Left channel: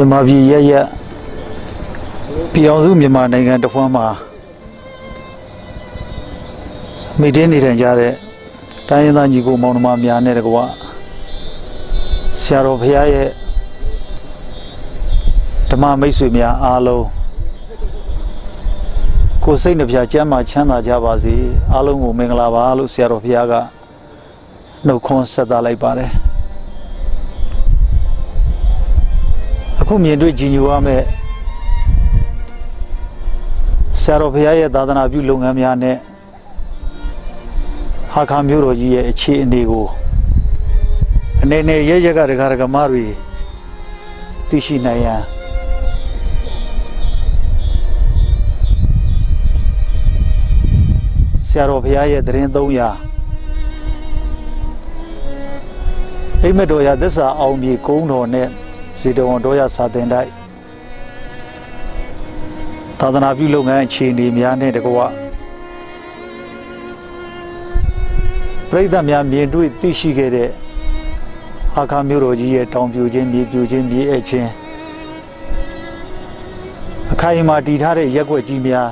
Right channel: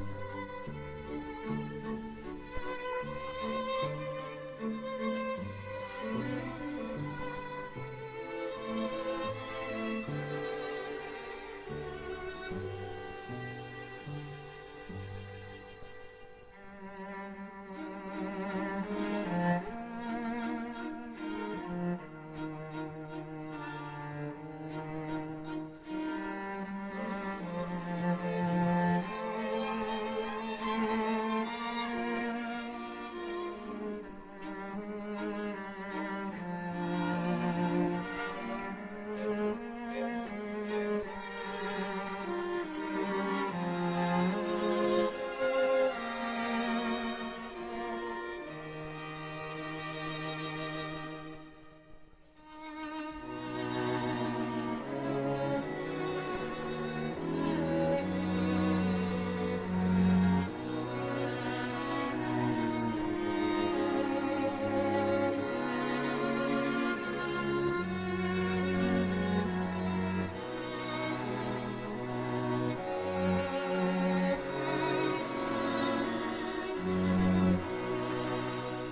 မြန်မာပြည်ရဲ့ပြည်တော်စုမြန်မာနိုင်ငံတစ်ဖွမ်းမှာမိတင်းနေထိုင်ကြတဲ့တိုင်းရင်းသားညီကိုမောင်နှမများနဲ့တကွဆရာတော်ဘုရားရဲ့ဓမ္မမိတ်ဆွေများအားလုံးကိုယ်စိတ်နှပြချမ်းသာချမ်းသာကြပါစေအားလုံးကိုမင်္ဂလာပါလို့ဆရာတော်ဘုရားကနှုတ်ခွန်းဆက်သလိုက်ပါတယ်အခုမြင်တွေ့ကြည်ညိုရမယ့်ဆရာတော်ဘုရားရဲ့သာသနာပြုလုပ်ငန်းများနဲ့ဟာခါမျိုးတော်ကြီးရဲ့အခြေအနေကိုအနေနဲ့ရကဒကာဒကမတွေသိရှိနိုင်ရန်ဆရာတော်ဘုရားရဲ့သတင်း300အိမ်မက်တော်ရသစ္စာအောင်မြေကုန်းတော်နဲ့ဇေတဝန်တော်ရစာတင်တိုက်သာသနာပြုလုပ်ငန်းအခြေအနေများနဲ့တကွပရိသတ်များမြင်တွေ့သိရှိခဲ့တဲ့ဟာခါမျိုးတော်ကြီးရဲ့တောင်ပြိုခြင်းမြေပြိုခြင်းမြေအချင်းအခိုင်အမာတည်ထားတဲ့ရက်ွက်ကြီးများ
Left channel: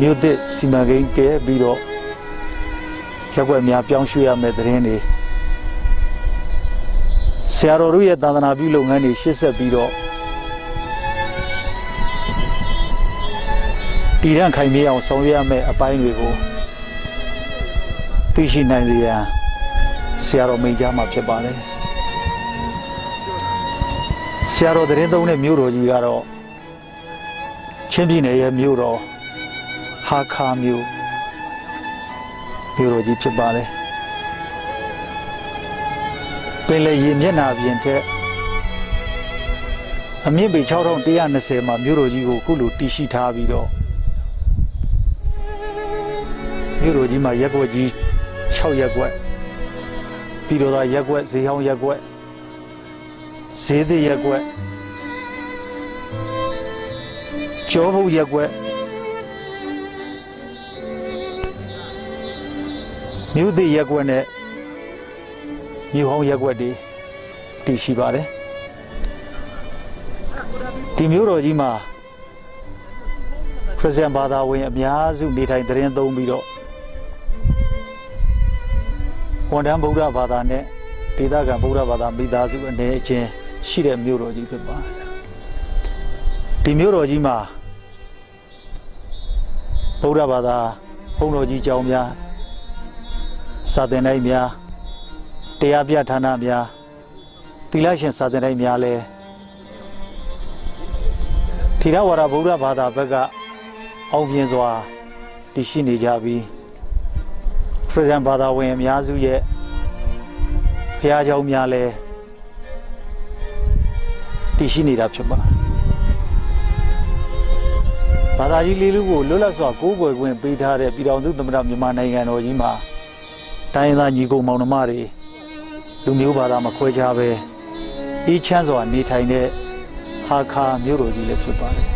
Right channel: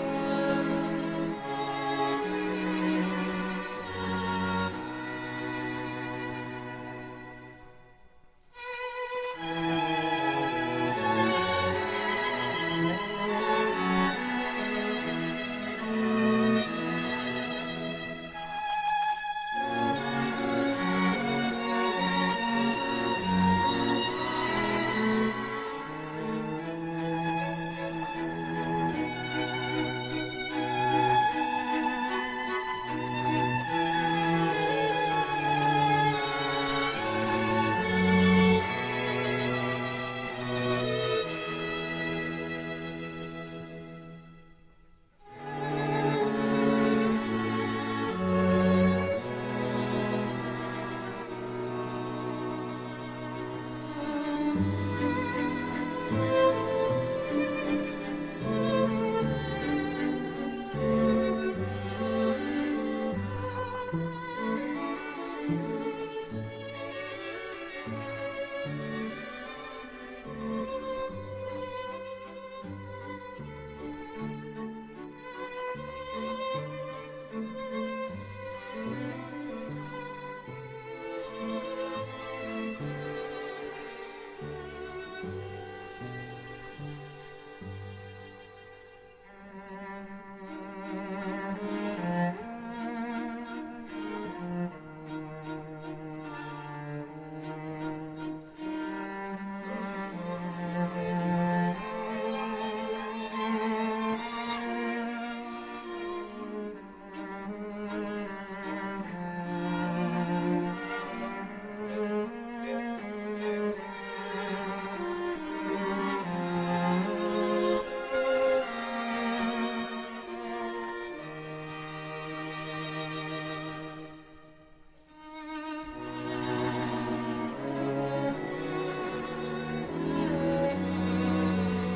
မြို့သစ်စီမံကိန်းတည်ပြီးတော့ရက်ွက်များပြောင်းရွှေ့ရမယ့်သတင်းတွေဆရာတော်တို့ရဲ့သာသနာပြုလုပ်ငန်းတွေရှေ့ဆက်ပြီးတော့တည်ရန်ခိုင်မြဲအောင်ဆောင်ရွက်ရမယ့်အပိုင်းတွေကိုသိရှိနိုင်စေရန်ဆရာတော်မိန့်ကြားမှာဖြစ်ပါလေဆရာတော်သတင်းသုံးတဲ့မြို့တော်ကြီးကတော့ချင်းပြည်နယ်ရဲ့မြို့တော်ဟာခါမြို့တော်ကြီးဖြစ်ပါလေပင်လယ်ရေမျက်နှာပြင်ထက်အမြင့်ပေ6120မှာမြို့တော်ကြီးကိုခုလိုတည်ရှိထားပြီးတော့မြို့တော်ကြီးမှာရက်ွက်ကြီး6ရက်ွက်ပြည်တော်သားရက်ွက်ဈေးဟောင်းရက်ွက်ဈေးသစ်ရက်ွက်ကျောဘုတ်ရက်ွက်မြို့သစ်ရက်ွက်နဲ့မြို့ဟောင်းရက်ွက်တွေတည်ရှိပါတယ်ဒီမြို့တော်ကြီးမှာခရစ်ယာန်ဘာသာဝင်အများစုနေထိုင်သတင်းသုံးပြီးတော့ဝန်ထမ်းဗုဒ္ဓဘာသာနဲ့ဒေသခံဗုဒ္ဓဘာသာမိသားစုအနေချင်းရှိတဲ့မြို့တော်ကြီးဖြစ်ပါတယ်ဒီမြို့တော်ကြီးမှာဗုဒ္ဓဘာသာဘုန်းတော်ကြီးကျောင်းများစာသင်တိုက်များတရားပြဌာနများသီလရှင်စာသင်တိုက်များလဲထေရဝါဒဗုဒ္ဓဘာသာဘက်ကအောင်မြင်စွာတည်ရှိနေကြပြီးခရစ်ယာန်ဘာသာဝင်အများစုရဲ့ဘုရားကျောင်းများလဲတည်ရှိနေတာဖြစ်ပါတယ်ဘာသာကြီးလေးလူကိုလွတ်လပ်စွာကိုးကွယ်ခွင့်ပေးထားတဲ့ပြည်တော်စုသမ္မတမြန်မာနိုင်ငံတော်ကြီးမှာတိုင်းရင်းသားညီကိုမောင်နှမတွေလူမျိုးဘာသာမခွဲခြားပဲအေးချမ်းစွာနေထိုင်တဲ့ဟာခါမြို့တော်ကြီးလည်းဖြစ်ပါတယ်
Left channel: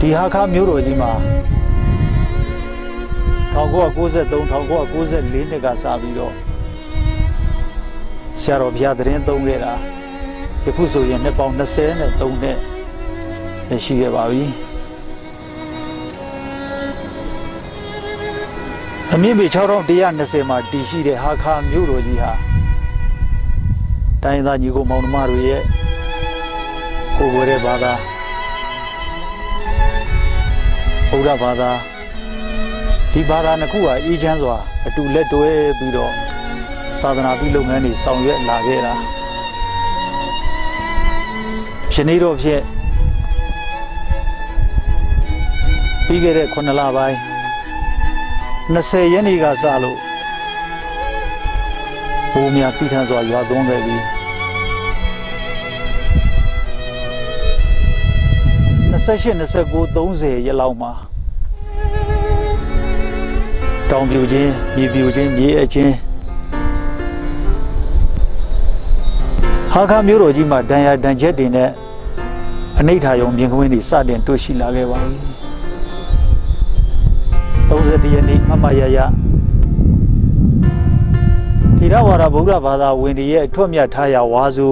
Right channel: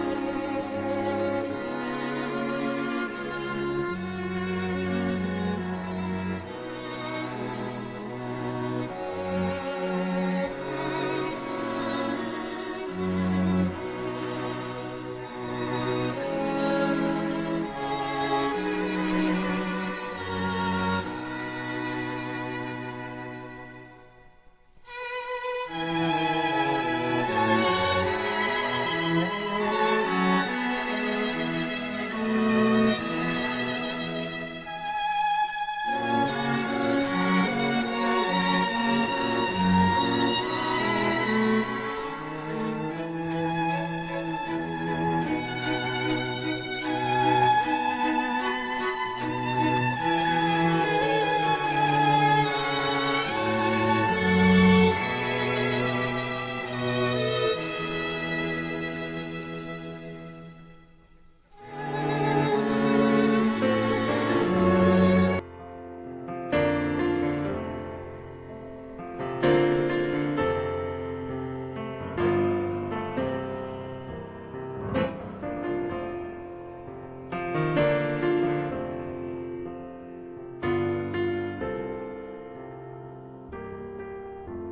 ဒီဟာခါမြို့တော်ကြီးမှာ1993 1994နှစ်ကစပြီးတော့ဆရာတော်ဘုရားသတင်းသုံးခဲ့တာယခုဆိုရင်နှစ်ပေါင်း23နှစ်ရှိခဲ့ပါပြီအမြင့်ပေ6120မှာတည်ရှိတဲ့ဟာခါမြို့တော်ကြီးဟာတိုင်းသားညီကိုမောင်နှမတို့ရဲ့ကိုယ်ဝယ်တဲ့ဘာသာဗုဒ္ဓဘာသာဒီဘာသာနှစ်ခုဟာအေးချမ်းစွာအတူလက်တွဲပြီးတော့သာသနာပြုလုပ်ငန်းတွေဆောင်ရွက်လာခဲ့တာယနေ့တော့ဖြင့်ပြီးခဲ့တဲ့9လပိုင်း20ရက်နေ့ကစလို့ဘုံများတည်ထန်စွာရွာသွန်းခဲ့ပြီး28 29 30ရက်လောက်မှာတောင်ပြိုခြင်းမြေပြိုခြင်းမြေအချင်းဟာခါမြို့တော်ကြီးမှာဒဏ်ရာဒဏ်ချက်တွေနဲ့အနိဋ္ဌာယုံမြင်ကွင်းတွေစတင်တွေ့ရှိလာခဲ့ပါပြီ31ရက်နေ့မမရရ ထေရဝါဒဗုဒ္ဓဘာသာဝင်တွေရဲ့အထွတ်မြတ်ထားရာဝါစု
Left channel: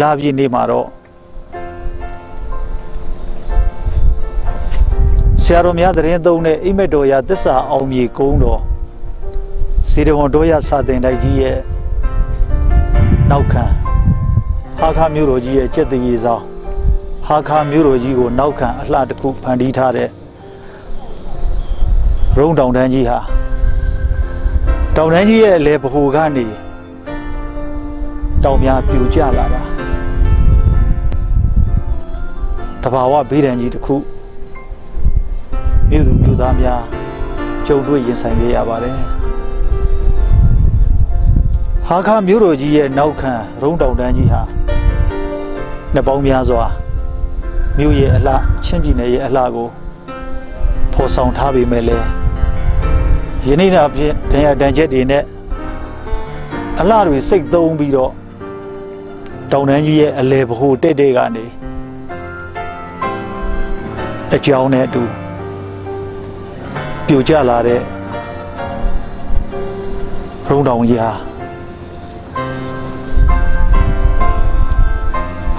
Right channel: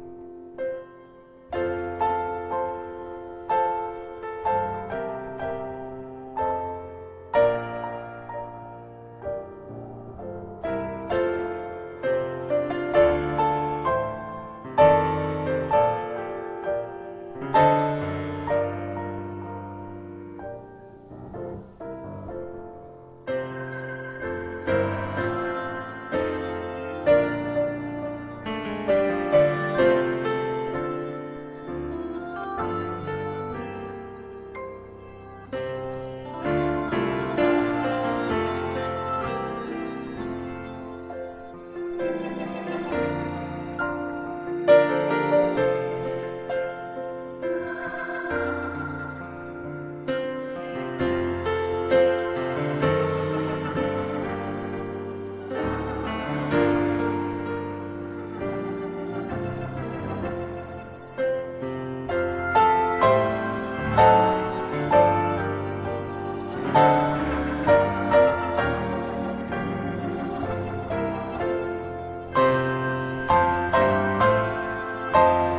လာပြည့်နေမှာတော့ဆရာတော်များသတင်းသုံးတဲ့အိမ်မက်တော်ရာသစ္စာအောင်မြေကုန်းတော်စေတဝန်တော်ရစာတင်တိုက်ကြီးရဲ့နောက်ခံဟာခါမြို့တော်ကြီးရဲ့ကျက်တရေဆောင်ဟာခါမြို့တော်ကြီးကိုနောက်ခံအလှတစ်ခုဖန်တီးထားတဲ့ရုံးတောင်တန်းကြီးဟာတောင်တန်းကြီးရဲ့အလဲဗဟိုကနေတောင်များပြိုကျလာတာတဘာဝဘေးဒဏ်ကြီးတစ်ခုမြို့သူမြို့သားများကြုံတွေ့ရင်ဆိုင်ရပါတယ်ဟာခါမြို့တော်ကြီးရဲ့နောက်ခံရုံးတောင်တန်းကြီးဟာနှစ်ပေါင်းများစွာမြို့ရဲ့အလှချင်းပြည်နယ်ရဲ့အလှကိုဖော်ဆောင်ထားပေမဲ့လည်းယနေ့နောက်ဖြင့်ဒဏ်ရာဒဏ်ချက်တွေနဲ့အလှတွေစိတ်သုံးပြီးတော့တောင်တန်းကြီးရဲ့အလဲဗဟိုတဲ့တဲ့ကနေအကြောင်းနဲ့အတူပြိုကျလာတဲ့ရုံးတောင်ကြီး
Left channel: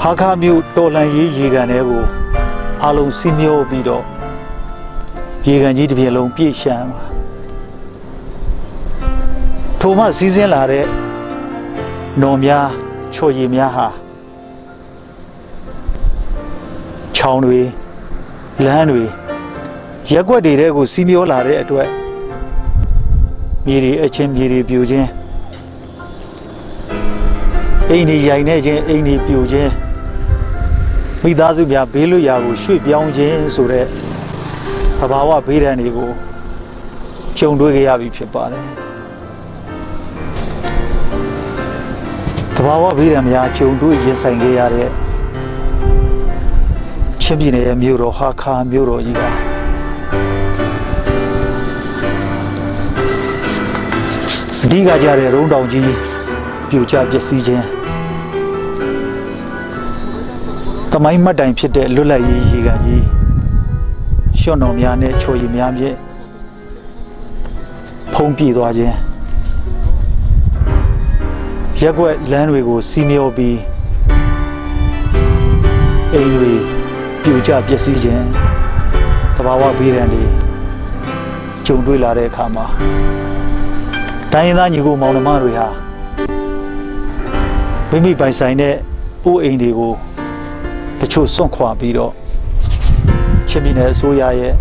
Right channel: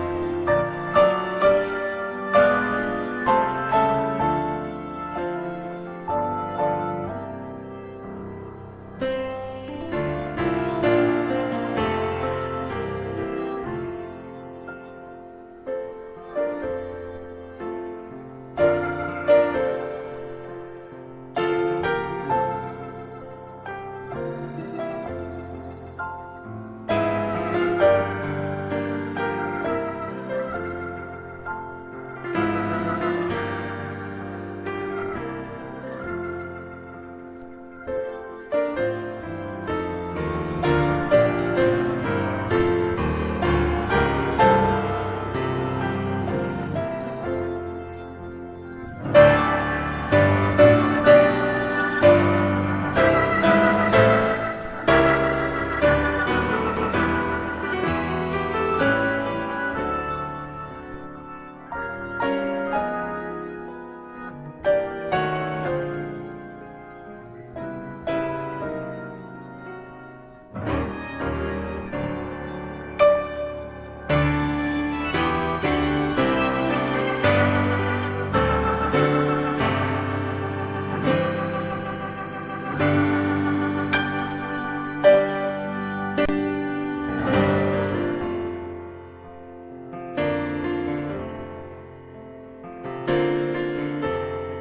ဟာခါမြို့တော်လန်ရေးရေကန်တွေကိုအလုံးစီးမျောပြီးတော့ရေကန်ကြီးတစ်ပြည့်လုံးပြည့်ရှမ်းပါထိုမှစီးဆင်းလာတဲ့နော်များချော်ရည်များဟာချောင်းတွေလမ်းတွေရက်ွက်တွေတဲကိုစီးမျောလာတဲ့အတွက်မြေတွေအချင်းမြေတွေပြိုခြင်းအိမ်တွေရိုင်နေခြင်းအိမ်တွေပြိုခြင်းမိသားစုများဘေးလွတ်ရာကိုရွှေ့ပြောင်းခြင်းဆိုတဲ့သဘာဝဘေးဒဏ်တွေကိုကြုံတွေ့ကြရပြီဖြစ်ပါတယ်သဘာဝဘေးဒဏ်များကြုံတွေ့ရင်ဆိုင်ခဲ့ရတဲ့ချင်းပြည်နယ်ရဲ့မြို့တော်ဟာခါမြို့တော်ကြီးကအဓိကကြတဲ့ရုံးတောင်ကြီးပြိုကျပျက်စီးခြင်းတမိုင်းမှတ်တိုင်ဖြစ်တဲ့လွတ်လပ်ရေးရေကန်ကြီးရွှွန်တော်များနဲ့ချိုရည်များဖြင့်ဖုံးပြည့်သွားခြင်းရက်ွက်လမ်းတွေကိုစီးမျောပြီးအိမ်တွေပြိုကျပျက်စီးခြင်းသဘာဝဘေးဒဏ်တွေကြုံတွေ့လာတဲ့အခါမှာတိုင်းရင်းသားညီကိုမောင်နှမတွေဟာမိမိပိုင်ဆိုင်တဲ့အိုးအိမ်တွေကိုတချို့စွန့်ခွာပြီးတော့ချင်းပြည်နယ်အစိုးရရဲ့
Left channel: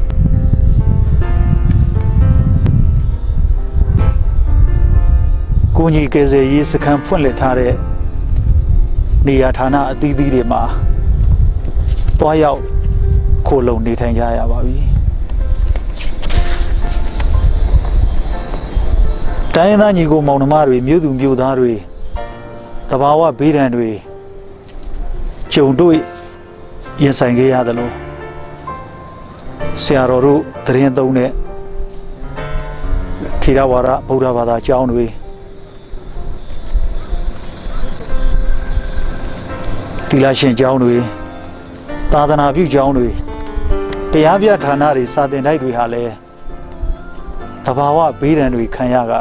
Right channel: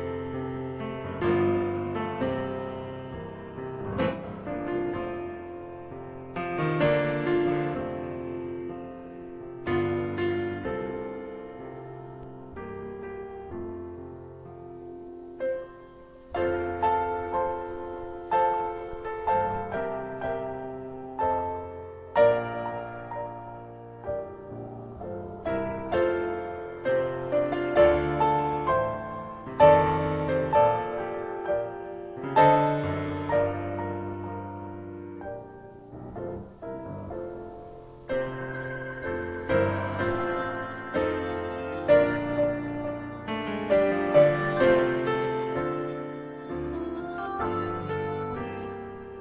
ကိုကြီးကယ်ဆယ်ရေးစခန်းဖွင့်လှစ်ထားတဲ့နေရာဌာနအသီးသီးတွေမှာတွားရောက်ခိုလုံနေထိုင်ကြရပါပြီတိုင်းရင်းသားညီကိုမောင်နှမတွေမြို့သူမြို့သားတွေတဘာဝဘေးဒဏ်တွေကြုံတွေ့ရင်ဆိုင်ခဲ့ရတယ်လို့ဆရာတော်တို့သတင်းသုံးတဲ့ထေရဝါဒဗုဒ္ဓဘာသာကျောင်းတွေသီလရှင်ကျောင်းတွေသာသနာပြုကျောင်းတွေတရားပြဌာနတွေစာသင်တိုက်တွေဟာလည်းတဘာဝဘေးဒဏ်တွေခံရက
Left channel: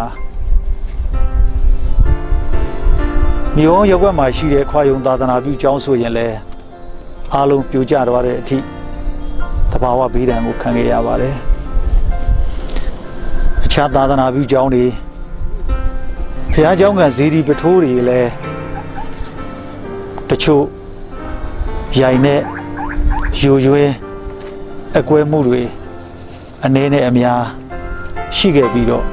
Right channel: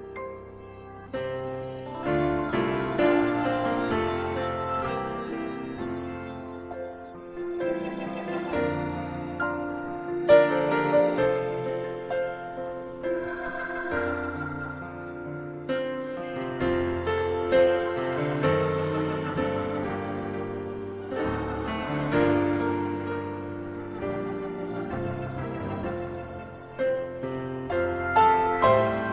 မြို့ရပ်ကွက်မှာရှိတဲ့ခွာယုံသာသနာပြုကျောင်းဆိုရင်လည်းအားလုံးပြိုကျသွားတဲ့အထိတဘာဝဘေးဒဏ်ကိုခံခဲ့ရပါတယ်အခြားသာသနာပြုကျောင်းတွေဘုရားကျောင်းကဇေဒီပထိုးတွေလည်းတချို့ရိုင်နဲ့ယူရွဲအကွဲမှုတွေအနေနဲ့အများရှိခဲ့ပြီးတော့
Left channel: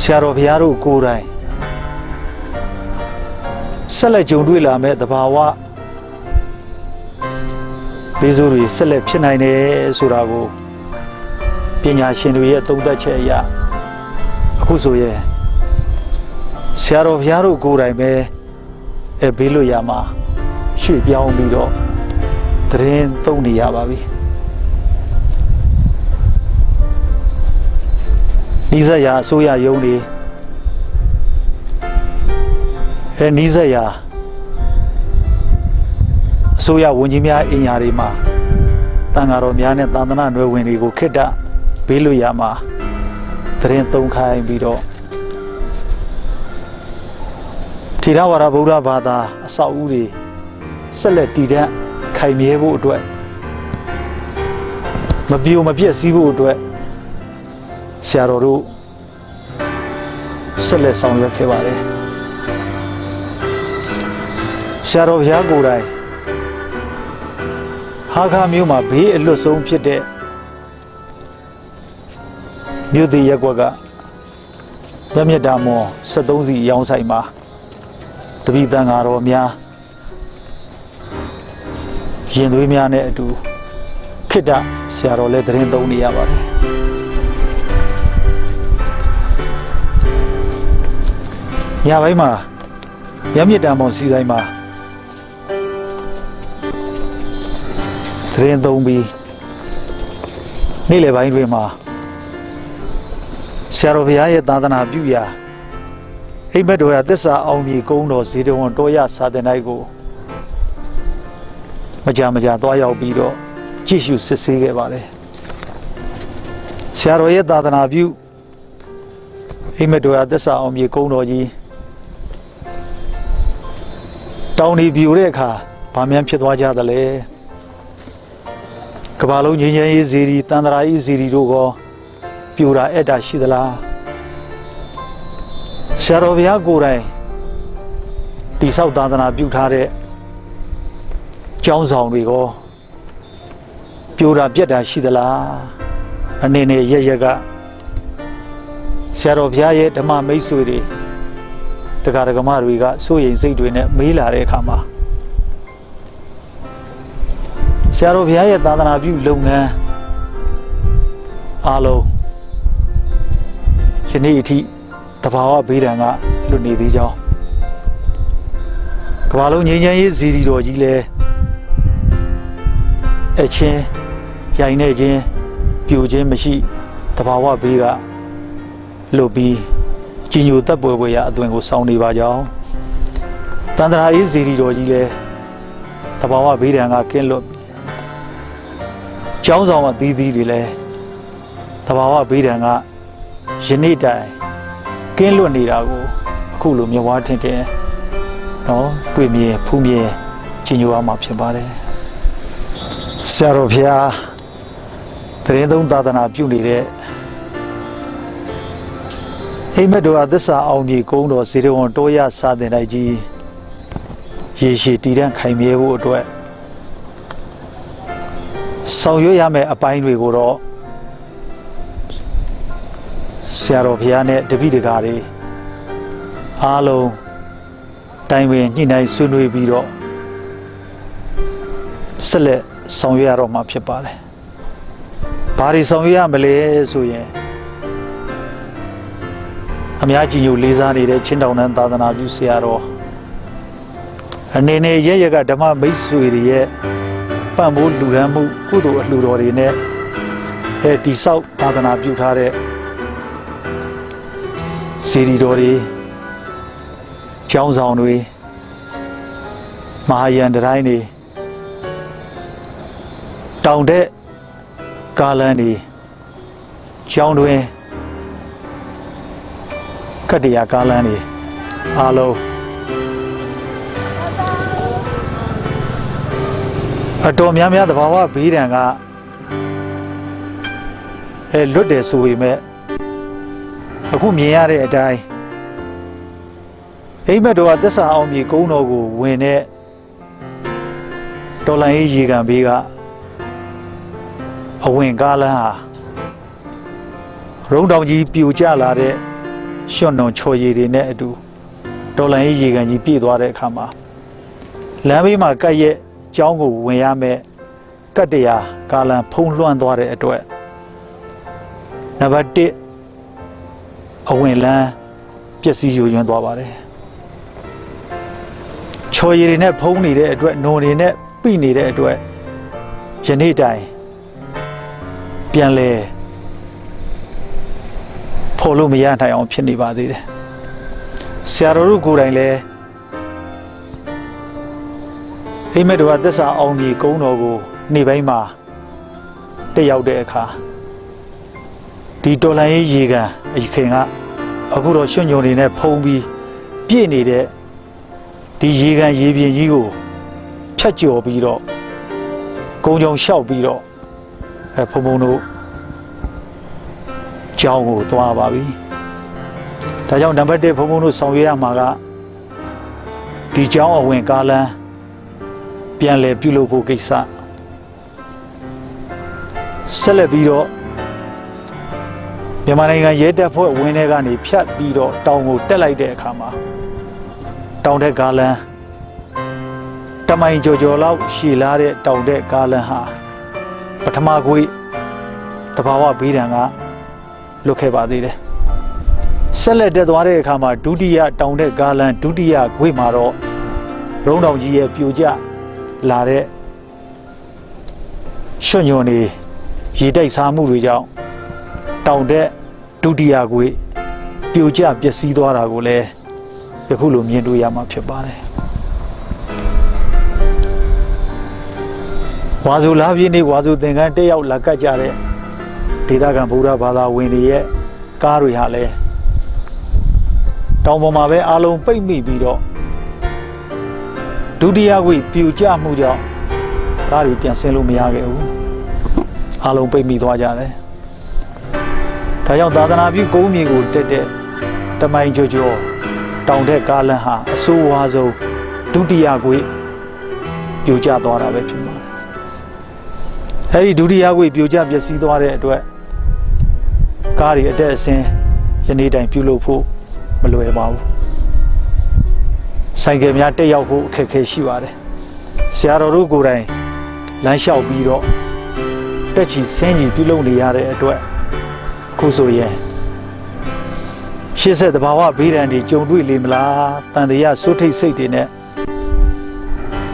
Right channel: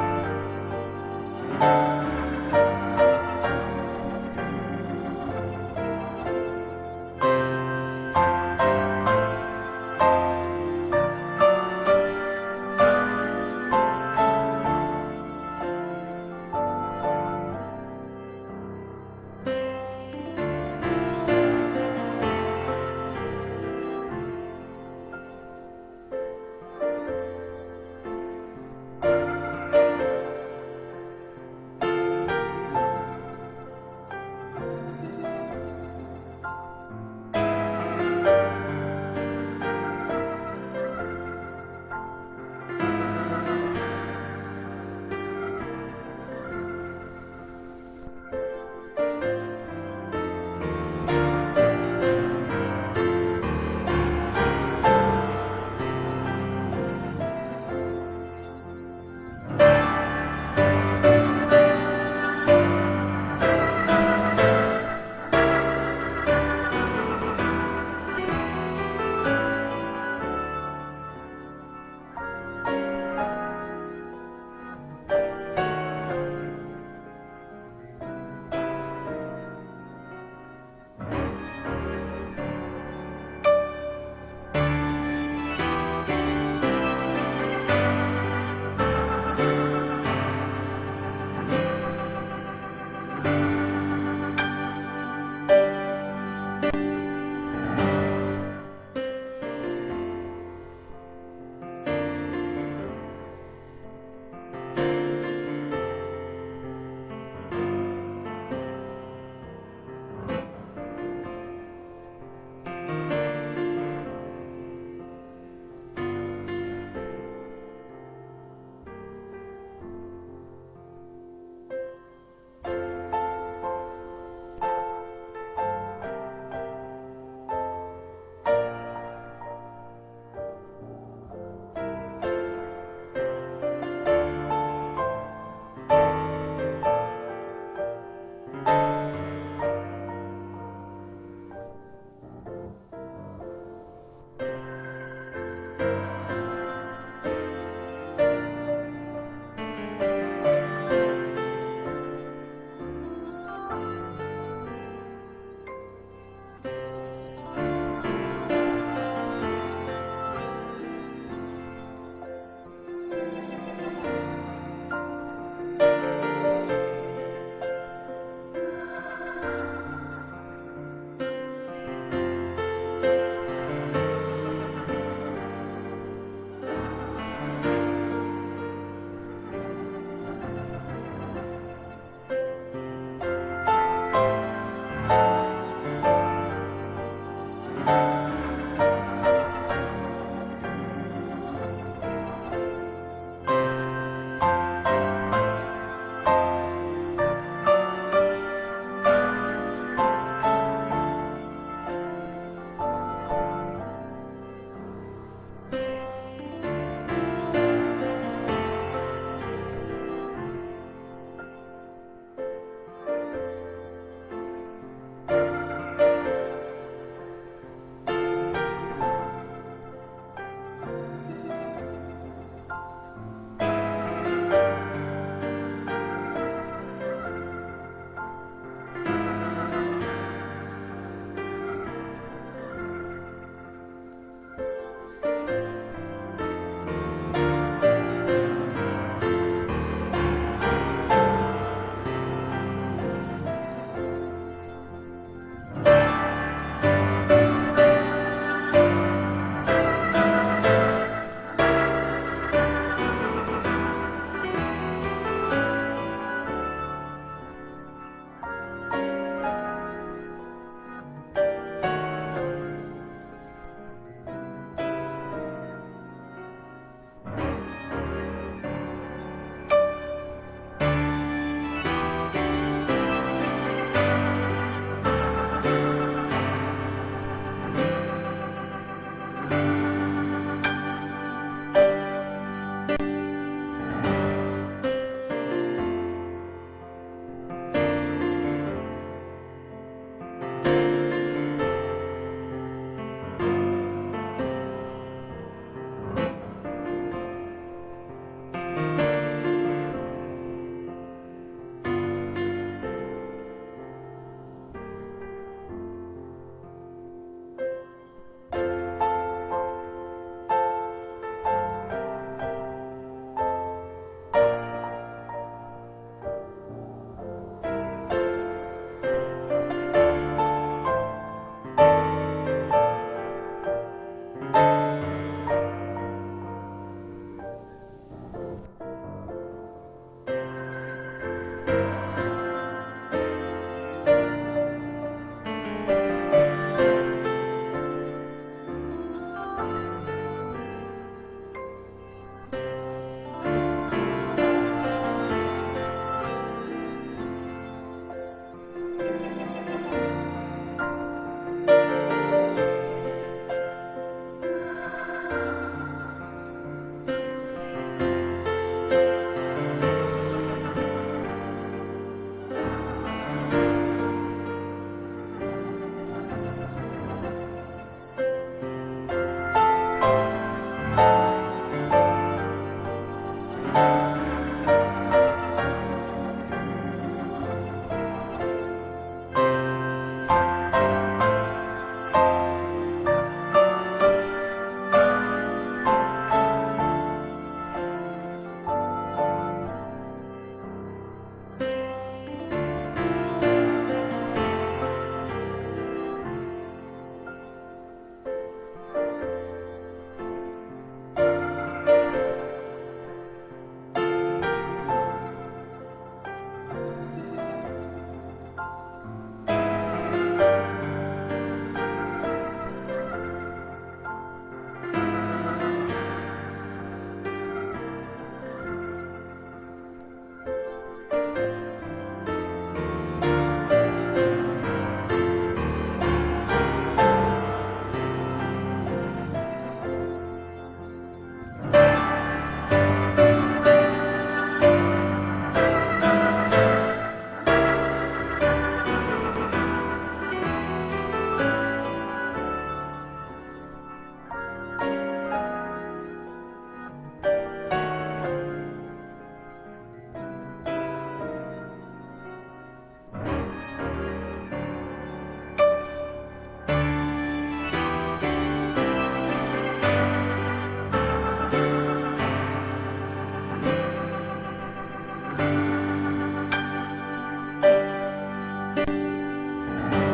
ဆရာတော်ဘုရားတို့ကိုယ်တိုင်ဆက်လက်ကြုံတွေ့လာမဲ့သဘာဝဘေးဆိုးတွေဆက်လက်ဖြစ်နိုင်တယ်ဆိုတာကိုပညာရှင်တွေရဲ့သုံးသပ်ချက်အရအခုဆိုရင်ဆရာတော်ဘုရားတို့ကိုယ်တိုင်ပဲဘေးလွတ်ရာမှာရွှေ့ပြောင်းပြီးတော့သတင်းသုံးနေရပါပြီနီးစပ်ရာအစိုးရရုံးတွေနီးစပ်ရာအစိုးရဝန်ကြီးများအင်အားတွေမှာတန်ဃာတော်များနဲ့သာသနာ့နွယ်ဝင်တွေကိုခေတ္တဘေးလွတ်ရာမှာသတင်းသုံးခိုင်းပြီးတော့ ထေရဝါဒဗုဒ္ဓဘာသာအဆောက်အဦတွေဆက်လက်တည်တံ့ခိုင်မြဲဖို့အတွက်မပြိုမပြက်စီးဖို့အတွက်ဆရာတော်တို့ဆက်လက်ဆောင်ရွက်ခဲ့ပါတယ်ဆရာတော်ဘုရားကိုယ်တိုင်ဟာခါမြို့မှာဘေးအလွတ်ဆုံးဖြစ်တဲ့မြို့သေးရက်ကွက်ကရမြတ်တာမော်73စီရောင်းဆိုင်မှာတပိတန်ဃာတော်များရင်သွေးများနဲ့အတူခိတ္တဆရာတော်လည်းတရင်သုံးနေရပါတယ်ညပိုင်းမှာရမြတ်တာမော်စီဆိုင်မှာတရင်သုံးပြီးနေ့လယ်ပိုင်းတွေမှာဆရာတော်ဘုရားရဲ့သာသနာပြုရာအိမ်မက်တော်ရသစ္စာအောင်မြေကုန်းတော်ဇေတဝန်တော်ရစာသင်တိုင်းကိုမကြာသွားရောက်ပြီးတော့ကြည့်ရှုစစ်ဆေးခဲ့ပါတယ်ဆရာတော်ရဲ့သာသနာပြုအိမ်မက်တော်ရသစ္စာအောင်မြေကုန်းတော်ကြီးတောင်ဒီပြိုတဲ့အခါဗာမြန်ဖြစ်သွားကြသလဲကမ္ဘာလုံးငြိမ်းချမ်းရေးဇီရီတန်တရာရေးဇီရီတို့ကောပြိုတာအဲ့တာရှိသလားဆရာတော်ဘုရားကိုယ်တိုင်တိဆောက်သာသနာပြုထားတဲ့ကျောင်းဆောင်တွေကောပြိုတာပြက်တာရှိသလားအနေနဲ့ရရကဆရာတော်ဘုရားရဲ့ဓမ္မမိတ်ဆွေတွေတရားဓမ္မတွေကစိုးရိမ်စိတ်တွေနဲ့မေးလာတဲ့အခါမှာဆရာတော်ဘုရားရဲ့သာသနာပြုလုပ်ငန်းအားလုံးယနေ့အထိတဘာဝဘေးဒဏ်ကလွတ်နေသေးကြောင်းကမ္ဘာလုံးငြိမ်းချမ်းရေးဇီရီတော်ကြီးလဲအချင်းရိုင်နေခြင်းပြိုခြင်းမရှိတဘာဝဘေးကလွတ်ပြီးကြီးညိုတပ်ပွဲရအသွင်ကိုစောင့်နေပါကြောင်းတန်တရာရေးဇီရီတော်ကြီးလဲတဘာဝဘေးဒဏ်ကကင်းလွတ်ကျောင်းဆောင်အသီးသီးတွေလဲတဘာဝဘေးဒဏ်ကယနေ့တိုင်ကင်းလွတ်နေတာကိုအခုလိုမြဝါထင်ခင်နော်တွေ့မြင်ဖူးမြင်ကြီးညိုအောင်မှာဖြစ်ပါတယ်ဆရာတော်ဘုရားတရင်သုံးသာသနာပြုနေတဲ့အိမ်မက်တော်အသစ္စာအောင်မြေကုန်းတော်ဇေတဝန်တော်ရစာသင်တိုင်းကြီးရေရှည်တည်တံ့ခိုင်မြဲဖို့အတွက်ဆောင်ရွက်ရမယ့်အပိုင်းတွေကိုတော့ဆရာတော်ဘုရားနဲ့တပည့်တကာတွေအားလုံးတိုင်ပင်ညှိနှိုင်းဆွေးနွေးပြီးတော့ဆက်လက်ဆောင်ရွက်ရတော့မှာဖြစ်ပါတယ်။ဘာတွေဆောင်ရွက်ရမလဲဆိုရင်အများကြီးညိုလေးစားနေတဲ့ချင်းတောင်တန်းသာသနာပြုဆရာတော်အနေနဲ့ရကဓမ္မမိတ်ဆွေတွေရဲ့ပံ့ပိုးလူရန်မှုကုသိုလ်အလှူတော်တွေနဲ့တိဆောက်သာသနာပြုထားတဲ့စီရီတော်တွေကျောင်းဆောင်တွေမဟာယန်တိုင်းတွေတောင်တဲ့ကားလန်းတွေကျောင်းတွင်ကတ္တရာကားလန်းတွေအားလုံးအတော်များများသဘာဝဘေးဒဏ်ကလွတ်တယ်ဆိုပေမဲ့အခုမြင်ရတဲ့အတိုင်းအိမ်မက်တော်ကသစ္စာအောင်မြေကုန်းတော်ကိုဝင်တဲ့တော်လိုင်းရေကန်ဘေးကအဝင်ကားလန်းဟာရုံတောင်ကြီးပြိုကျလာတဲ့ရွှွန်တော်ချော်ရည်တွေနဲ့အတူတော်လိုင်းရေကန်ကြီးပြည့်သွားတဲ့အခါမှာလမ်းဘေးမှာကပ်ရဲ့ကျောင်းကိုဝင်ရမယ်ကတ္တရာကားလန်းဖုံးလွှမ်းသွားတဲ့အတွက်နံပါတ်1အဝင်လန်းပျက်စီးယိုယွင်းသွားပါတယ်ချော်ရည်တွေနဲ့ဖုံးနေတဲ့အတွက်နုံတွေနဲ့ပိနေတဲ့အတွက်ယနေ့တိုင်ပြန်လဲဖော်လို့မရနိုင်အောင်ဖြစ်နေပါသေးတယ်ဆရာတော်တို့ကိုယ်တိုင်လည်းအိမ်မက်တော်ကသစ္စာအောင်မြေကုန်းတော်ကိုနေ့ပိုင်းမှာတက်ရောက်တဲ့အခါဒီတော်လိုင်းရေကန်အခင်ကအခုတော့ရွှွညုံတွေနဲ့ဖုံးပြီးပြည့်နေတဲ့ ဒီရေကန်ရေပြင်ကြီးကိုဖြတ်ကျော်ပြီးတော့ကုန်းကြုံလျှောက်ပြီးတော့ဘုံဘုံတို့ကျောင်းကိုသွားပါပြီဒါကြောင့်နံပါတ်1ဘုံဘုံတို့ဆောင်ရွက်ရမှာကဒီကျောင်းအဝင်ကားလမ်းပြန်လည်ပြုလုပ်ဖို့ကိစ္စဆက်လက်ပြီးတော့မြန်မာနိုင်ငံရဲတပ်ဖွဲ့ဝင်းထဲကနေဖြတ်ပြီးတော့တောင်ကိုတက်လိုက်တဲ့အခါမှာတောင်တဲ့ကားလမ်းတမိုင်ကျော်လောက်ရှည်လာတဲ့တောင်တဲ့ကားလမ်းဟာပထမကွေးတဘာဝဘေးဒဏ်ကလွတ်ခဲ့ပါသေးတယ်ဆက်လက်တက်သွားတဲ့အခါမှာဒုတိယတောင်တဲ့ကားလမ်းဒုတိယကွေးမှာတော့ရုံးတောင်ကြီးရဲ့ပြိုကျလာတဲ့ရွှွညွန်နေရေတိုက်စားမှုတွေကြောင့်တောင်တဲ့ဒုတိယကွေးပြိုကျပျက်စီးသွားတာကိုလည်းယခုလိုမြင်တွေ့ရမှာဖြစ်ပါတယ်ဝါဆိုလာပြည့်နေ့ဝါဆိုသင်္ကန်းတက်ရောက်လာကတ်ကြတဲ့ဒေသခံဗုဒ္ဓဘာသာဝင်တွေရဲ့ကားတွေဟာလည်းတောင်ပေါ်မှာပဲအားလုံးပိတ်မိပြီးတော့ဒုတိယကွေးပြိုကျမှုကြောင့်ကားတွေပြန်ဆင်းလို့မရခဲ့ဘူးအားလုံးပိတ်မိသွားကြတယ်ဒါကြောင့်သာသနာပြုကုန်းမြေကိုတက်တဲ့တမိုင်ကျော်တောင်တဲ့ကားလမ်းဟာအဆိုးဝါးဆုံးဒုတိယကွေးပြိုကျသွားတာပဲဖြစ်ပါတယ်အဲဒီဒုတိယကွေးပြိုကျပျက်စီးသွားတဲ့အတွက်ကားတွေအတက်အဆင်းယနေ့တိုင်ပြုလုပ်ဖို့မလွယ်ပါဘူးဆိုင်ကယ်များတက်ရောက်ဖို့အခက်အခဲရှိပါတယ်ဆရာတော်တို့ကိုယ်တိုင်လမ်းလျှောက်ပြီးတော့တက်ချီဆင်းကြီးပြုလုပ်နေရတဲ့အတွက်ခုဆိုရင်ရှေ့ဆက်တဘာဝဘေးဒဏ်တွေကြုံတွေ့လိမ့်မလားတန်တရားစိုးထိတ်စိတ်တွေနဲ့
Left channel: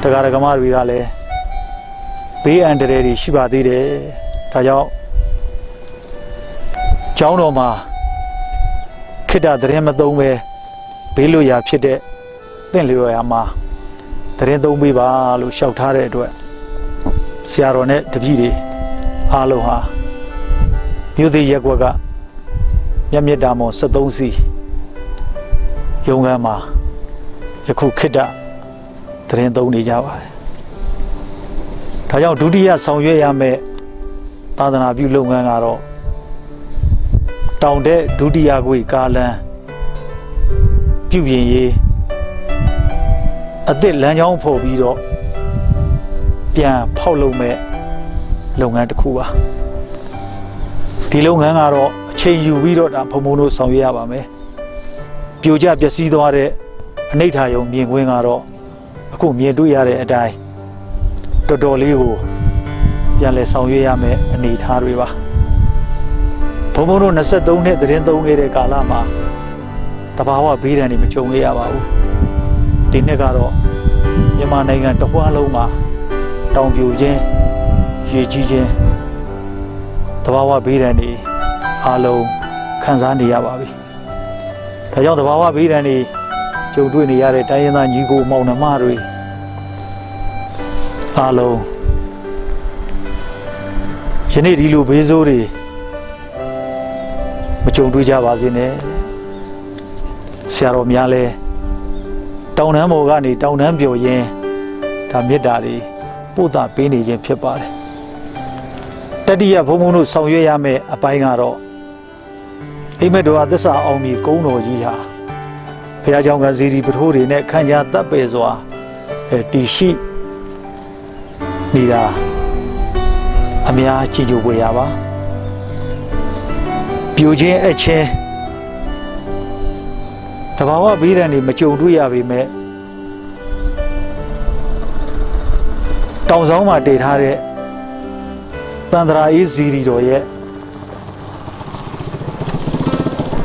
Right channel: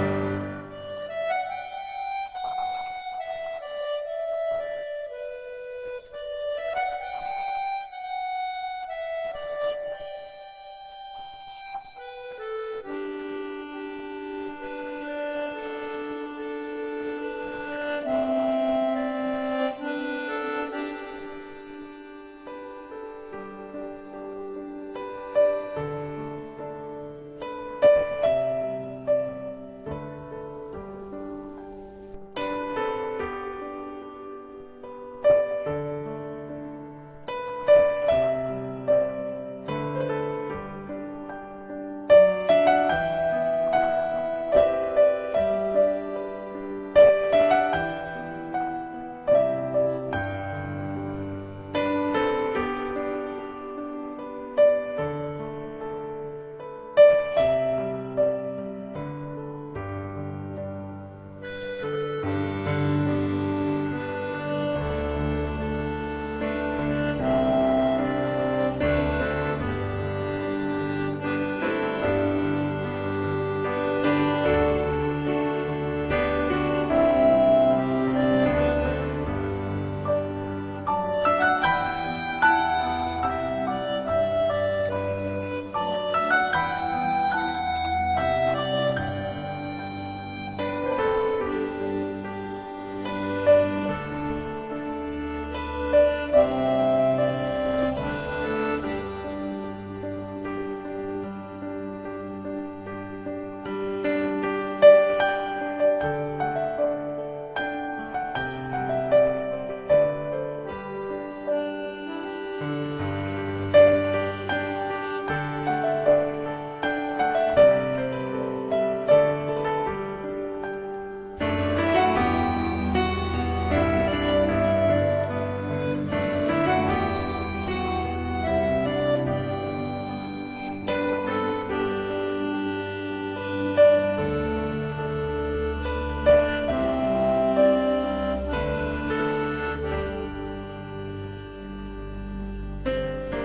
တရားဓမ္မတွေကလည်းဘေးအန္တရာယ်တွေရှိပါသေးတယ်ဒါကြောင့်ကျောင်းတော်မှာခိတ္တသတင်းမသုံးပဲဘေးလွတ်ရာဖြစ်တဲ့သင်လျော်ရာမှာသတင်းသုံးပေးပါလို့လျှောက်ထားတဲ့အတွက်ဆရာတော်နဲ့တပည့်တွေအားလုံးဟာမြို့သေးရက်ကွက်ကမြတ်တာမော်73စီရုံးခန်းမှာယခုခိတ္တသတင်းသုံးနေကြပါတယ်ဒါကြောင့်ဒုတိယဆောင်ရွက်ရမယ့်သာသနာပြုလုပ်ငန်းကတော့တောင်တဲ့ဒုတိယကွေးကားလမ်းပြုပြင်ရေးအသစ်လမ်းကြောင်းဖော်ပြီးတော့ပြန်ဖောက်လုပ်မဲ့လုပ်ငန်းတစ်ခုပါဒီလုပ်ငန်းကတော့အချိန်ယူပြီးတော့ဒါဘုံဘုံတို့ဆောင်ရွက်ရပါမယ်ပြိုကျပျက်စီးသွားတဲ့အနိဋ္ဌာယုံမြင်ကွင်းကတော့အခုမြင်တွေ့ရတဲ့အတိုင်းတော်တော်လေးကိုပြန်လည်ဆောင်ရွက်ရမယ်အနေအထားတွေပါဘုံဘုံတို့23နှစ်သတင်းသုံးခဲ့တဲ့ကာလမှာတဘာဝဘေးဒဏ်တွေမကြုံရပါဘူးဒီနှစ်ကတော့မြန်မာနိုင်ငံတစ်ဝန်းလုံးမှာတောင်ပြိုခြင်းရေကြီးခြင်းတဘာဝဘေးဒဏ်တွေအားလုံးခံစားနေရပါပြီဒါကြောင့်တဘာဝဘေးဒဏ်တွေကြုံတွေ့နေရတဲ့တိုင်းရင်းသားညီကိုမောင်နှမတွေအားလုံးယနေ့ဒီလိုဘေးဆိုးတွေမကြုံတွေ့ကြပါစေနဲ့ဆရာတော်များလဲတောင်တန်းပေါ်ကနေတောင်တန်းပြော်ရင်းဒါမေတ္တာတွေပို့တာပေးနေခြင်းဖြစ်ပါတယ်တတိယဘုံဘုံတို့ဆောင်ရွက်ရမယ့်အပိုင်းကတော့အိမ်မက်တော်အသစ္စာအောင်မြေကုန်းတော်ကြီးဟာဘုရားကျောင်းကဇီဒီပထိုးတွေနဲ့ခန့်ညာတပ်ပယ်စွာတည်ရှိနေတာအများကြည်ကြိုကြရပါပြိုခြင်းအချင်းတဘာဝဘေးဒဏ်တွေမကြုံတွေ့ရပေမဲ့တောင်ဆောင်မှာတည်ထားတဲ့တန်တရာအေးဇီရီတော်ရဲ့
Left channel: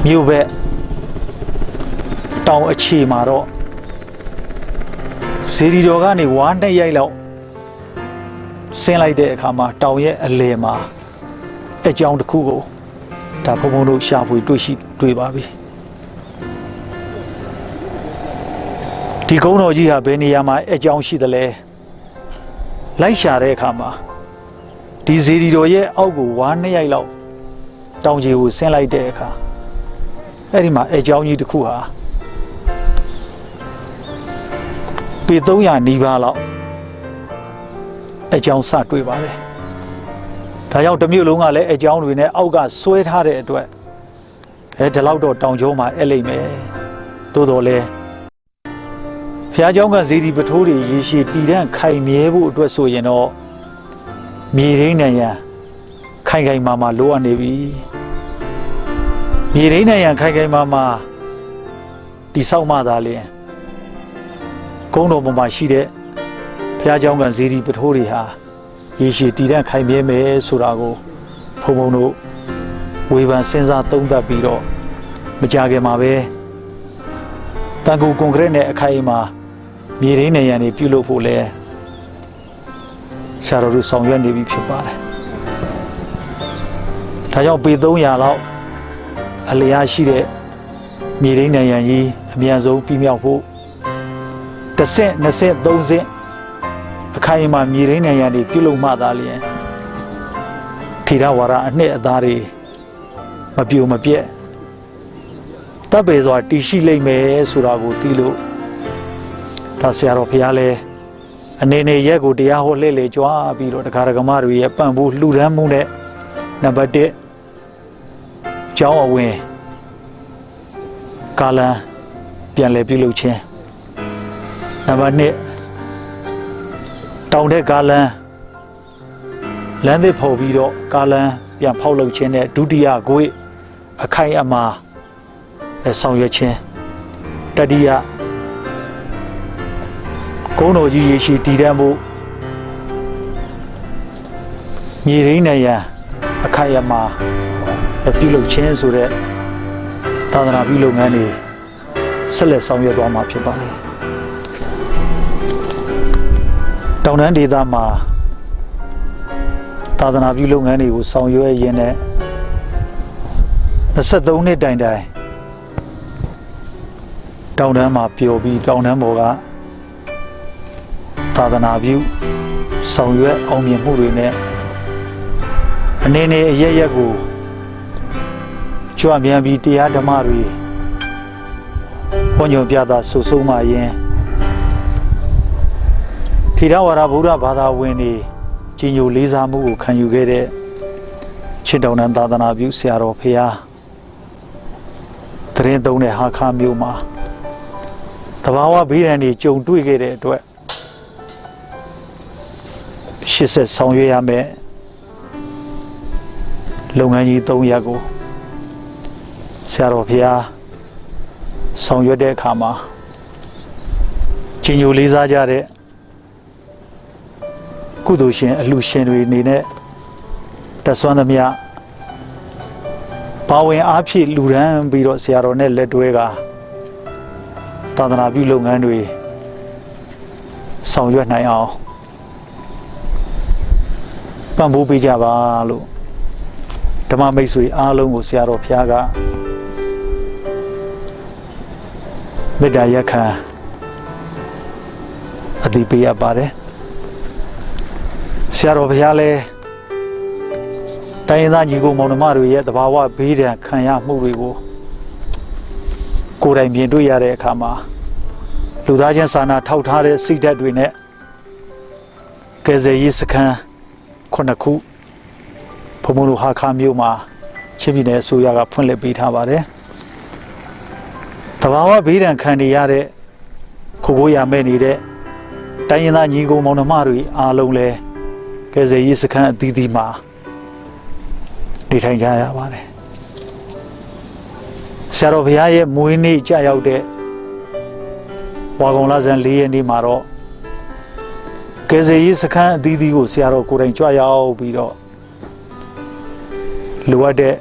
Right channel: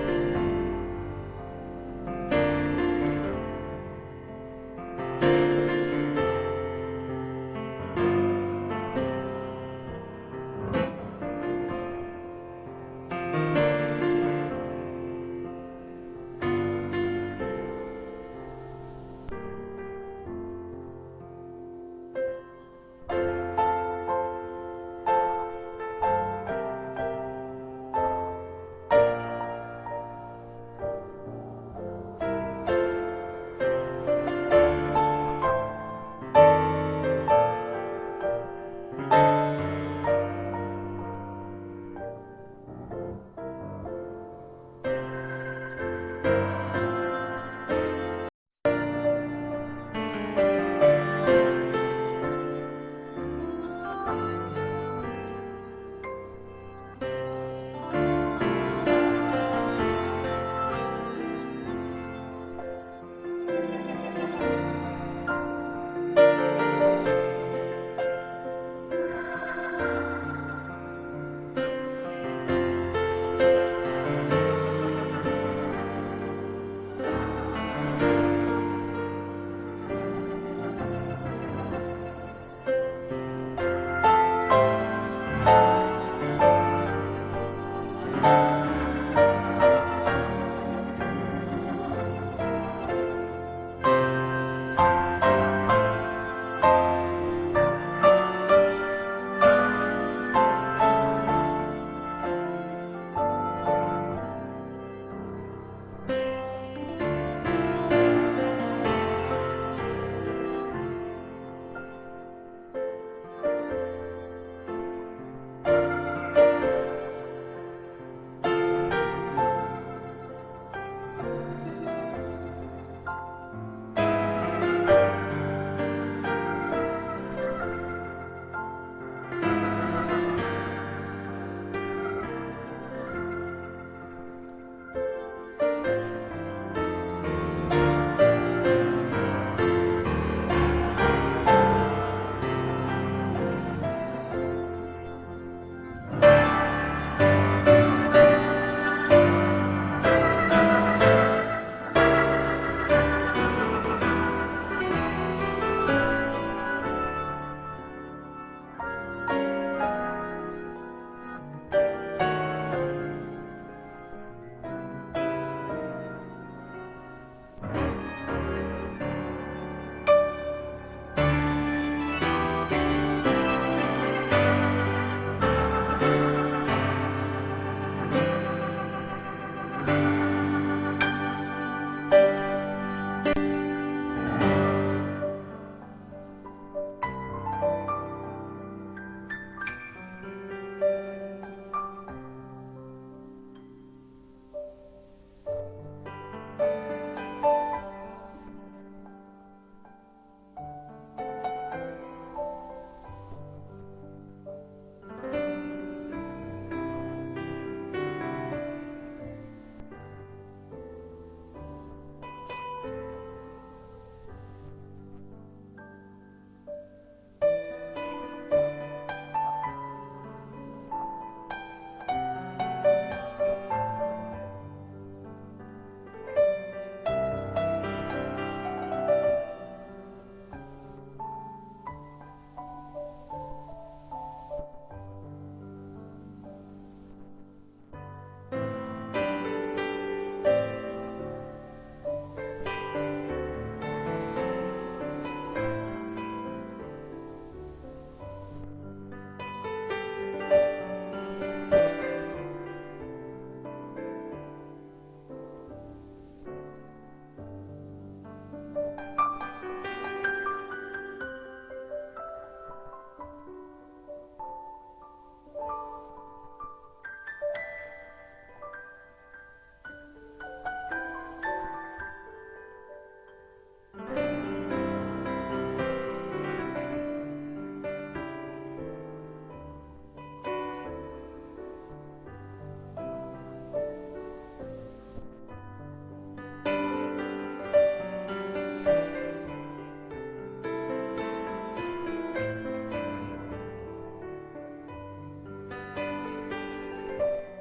မြို့ဘက်တောင်အခြေမှာတော့ဇီရီတော်ကနေဝါးနှစ်ရိုက်လောက်ဆင်းလိုက်တဲ့အခါမှာတောင်ရဲ့အလယ်မှာအကြောင်းတစ်ခုကိုဒါဘုံဘုံတို့ရှာဖွေတွေ့ပါပြီဒီကုန်းတော်ကြီးဟာဘယ်နေရာမှာအကြောင်းရှိသလဲလိုက်ရှာတဲ့အခါမှာဒီဇီရီတော်ရဲ့အောက်ကိုဝါးနှစ်ရိုက်လောက်တောင်ကြီးကိုဆင်းလိုက်တဲ့အခါအဲ့ဒီမှာအကြောင်းကြီးတစ်ခုဟာ ပေ300နီးပါးလောက်အကြောင်းစတွေ့ပါတယ်ဒါကြောင့်တစ်မြို့လုံးကလည်းအကြောင်းတွေနဲ့အောက်ကဆွဲထားတဲ့အတွက်ဒီလောက်တော့တောင်ကျုံးမှာအဲ့လိမ့်မယ်သို့တော်လဲဘုရားကျောင်းကဇေဒီပထိုးတွေရေရှည်တည်တံ့ခိုင်မြဲဖို့အတွက်ဆိုရင်တော့မြေရင်းနဲ့ရန်ခိုင်ခိုင်မာမာလိုအပ်နေပြီမြေရင်းနဲ့ရန်ခိုင်ခိုင်မာမာတိဆောက်မှသာလျှင်ကုန်းတော်ပေါ်မှာရှိတဲ့ဘုရားကျောင်းကဇေဒီပထိုးတွေဟာရေရှည်တည်တံ့ခိုင်မြဲမယ်ဆိုတာကိုဘုံဘုံတို့ဝေဖန်စဉ်းစားသုံးသပ်ပြီးတော့မကြခင်မှာပဲတန်ကူကွန်ကရစ်နဲ့အခိုင်အမာမြေရင်းနေရန်တွေပြုလုပ်ဖို့လဲဆရာတော်တို့ဆောင်ရွက်နေပြီဖြစ်ပါတယ်ဒါကြောင့်ပေ300လောက်အလျားရှိတဲ့မြေရင်းနေရန်ကြီးအမြန်ဆုံးပြမြောက်ဖို့10ဆင့်20ဆင့်30ဆင့်အခိုင်အမာမြေရင်းနေရန်တွေပြုလုပ်မှသာလျှင်ထေရဝါဒအနှစ်အသားတွေမပြိုမပြက်တပ်ပေစွာတည်ရှိလိမ့်မယ်ဆိုတာကိုသိလို့ဒါဆရာတော်ဘုရားလဲအနေနဲ့ရက်ကိုတရားဟောလှည့်လေကြွားပြီးတော့တရားဓမ္မတွေရဲ့ပံ့ပိုးလှူဒန်းမှုနဲ့နံပါတ်1ကျောင်းအဝင်ကာလံပြန်လည်ပြုလုပ်ခြင်းနံပါတ်2တောင်တဲ့ကာလံလမ်းသစ်ဖော်ပြီးတော့ကာလံပြန်ဖောက်လုပ်ခြင်းနဲ့ဒုတိယကိုအခိုင်အမာဆောင်ရွက်ခြင်းတတိယကုန်းတော်ကြီးရေရှိတည်တံ့ဖို့မြေရင်းနဲ့ရန်အခိုင်အမာပြုလုပ်ခြင်းဆိုတဲ့သာသနာပြုလုပ်ငန်းတွေဆက်လက်ဆောင်ရွက်သွားမှာဖြစ်ပါတယ်တောင်တန်းဒေသမှာသာသနာပြုလုပ်ငန်းတွေကိုဆောင်ရွက်ရင်းနဲ့23နှစ်တိုင်တိုင်တောင်တန်းမှာပျော်ပြီးတောင်တန်းပေါ်ကသာသနာပြုဆောင်ရွက်အောင်မြင်မှုတွေနဲ့အနေနဲ့အရရက်ကိုကြွမြန်ပြီးတရားဓမ္မတွေဘုံညွန်ပြတာဆူဆုံးမှရင်ထေရဝါဒဗုဒ္ဓဘာသာဝင်တွေကြီးညိုလေးစားမှုကိုခံယူခဲ့တဲ့ချစ်တော်နန်းသာသနာပြုဆရာတော်ဖရာတရင်သုံးတဲ့ဟာခါမျိုးမှာတဘာဝဘေးဒဏ်တွေကြုံတွေ့ခဲ့တဲ့အတွက်ရှစ်ဆက်ဆောင်ရွက်ရမယ်လုပ်ငန်းကြီး3ရပ်ကိုဆရာတော်ဖရာဆောင်ရွက်တဲ့အခါမှာကြီးညိုလေးစားကြတဲ့ကုသိုလ်ရှင်အလှရှင်တွေအနေနဲ့တဆွမ်းသမျှပါဝင်အားဖြင့်လူရန်ပြီးတော့ဆရာတော်နဲ့လက်တွဲကသာသနာပြုလုပ်ငန်းတွေဆောင်ရွက်နိုင်အောင်ပံ့ပိုးပေးကြပါလို့ဓမ္မမိတ်ဆွေအားလုံးကိုဆရာတော်ဘုရားကမေတ္တာရက်ခံအသိပေးရပါတယ်ဆရာတော်ဘုရားလည်းတိုင်းရင်းသားညီကိုမောင်နှမတွေရဲ့တဘာဝဘေးဒဏ်ခံရမှုတွေကိုကိုယ်တိုင်မြင်တွေ့ရတဲ့အခါမှာလူသားချင်းစာနာထောက်ထားတဲ့စိတ်ဓာတ်တွေနဲ့ကယ်ဆယ်ရေးစခန်း9ခုဘုံဘုံတို့ဟာခါမျိုးမှာချင်းပြည်နယ်အစိုးရကဖွင့်လှစ်ပေးထားပါတယ်တဘာဝဘေးဒဏ်ခံနေရတဲ့ခိုးကိုရမဲ့နေတဲ့တိုင်းရင်းသားညီကိုမောင်နှမတွေအားလုံးလဲကယ်ဆယ်ရေးစခန်းအသီးသီးမှာနေထိုင်ကြရပါတယ်ဆရာတော်ဘုရားရဲ့မွေးနေ့ကြာရောက်တဲ့ဝါကောင်လဆန်း4ရက်နေ့မှာတော့ကယ်ဆယ်ရေးစခန်းအသီးသီးကိုဆရာတော်ကိုယ်တိုင်ကြွရောက်ပြီးတော့လိုအပ်တဲ့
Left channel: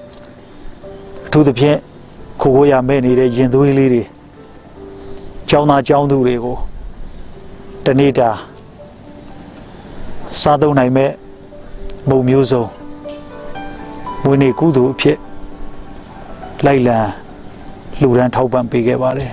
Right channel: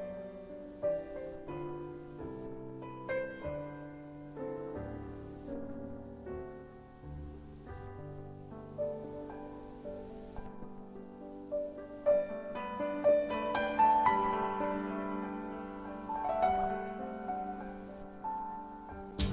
အထူးသဖြင့်ခိုးကိုရမဲ့နေတဲ့ရင်သွေးလေးတွေကျောင်းသားကျောင်းသူတွေကိုတနေ့တာစားသုံးနိုင်မဲ့မုံမျိုးစုံမွေးနေ့ကုသိုလ်အဖြစ်လိုက်လံလှူဒန်းထောက်ပံ့ပေးခဲ့ပါတယ်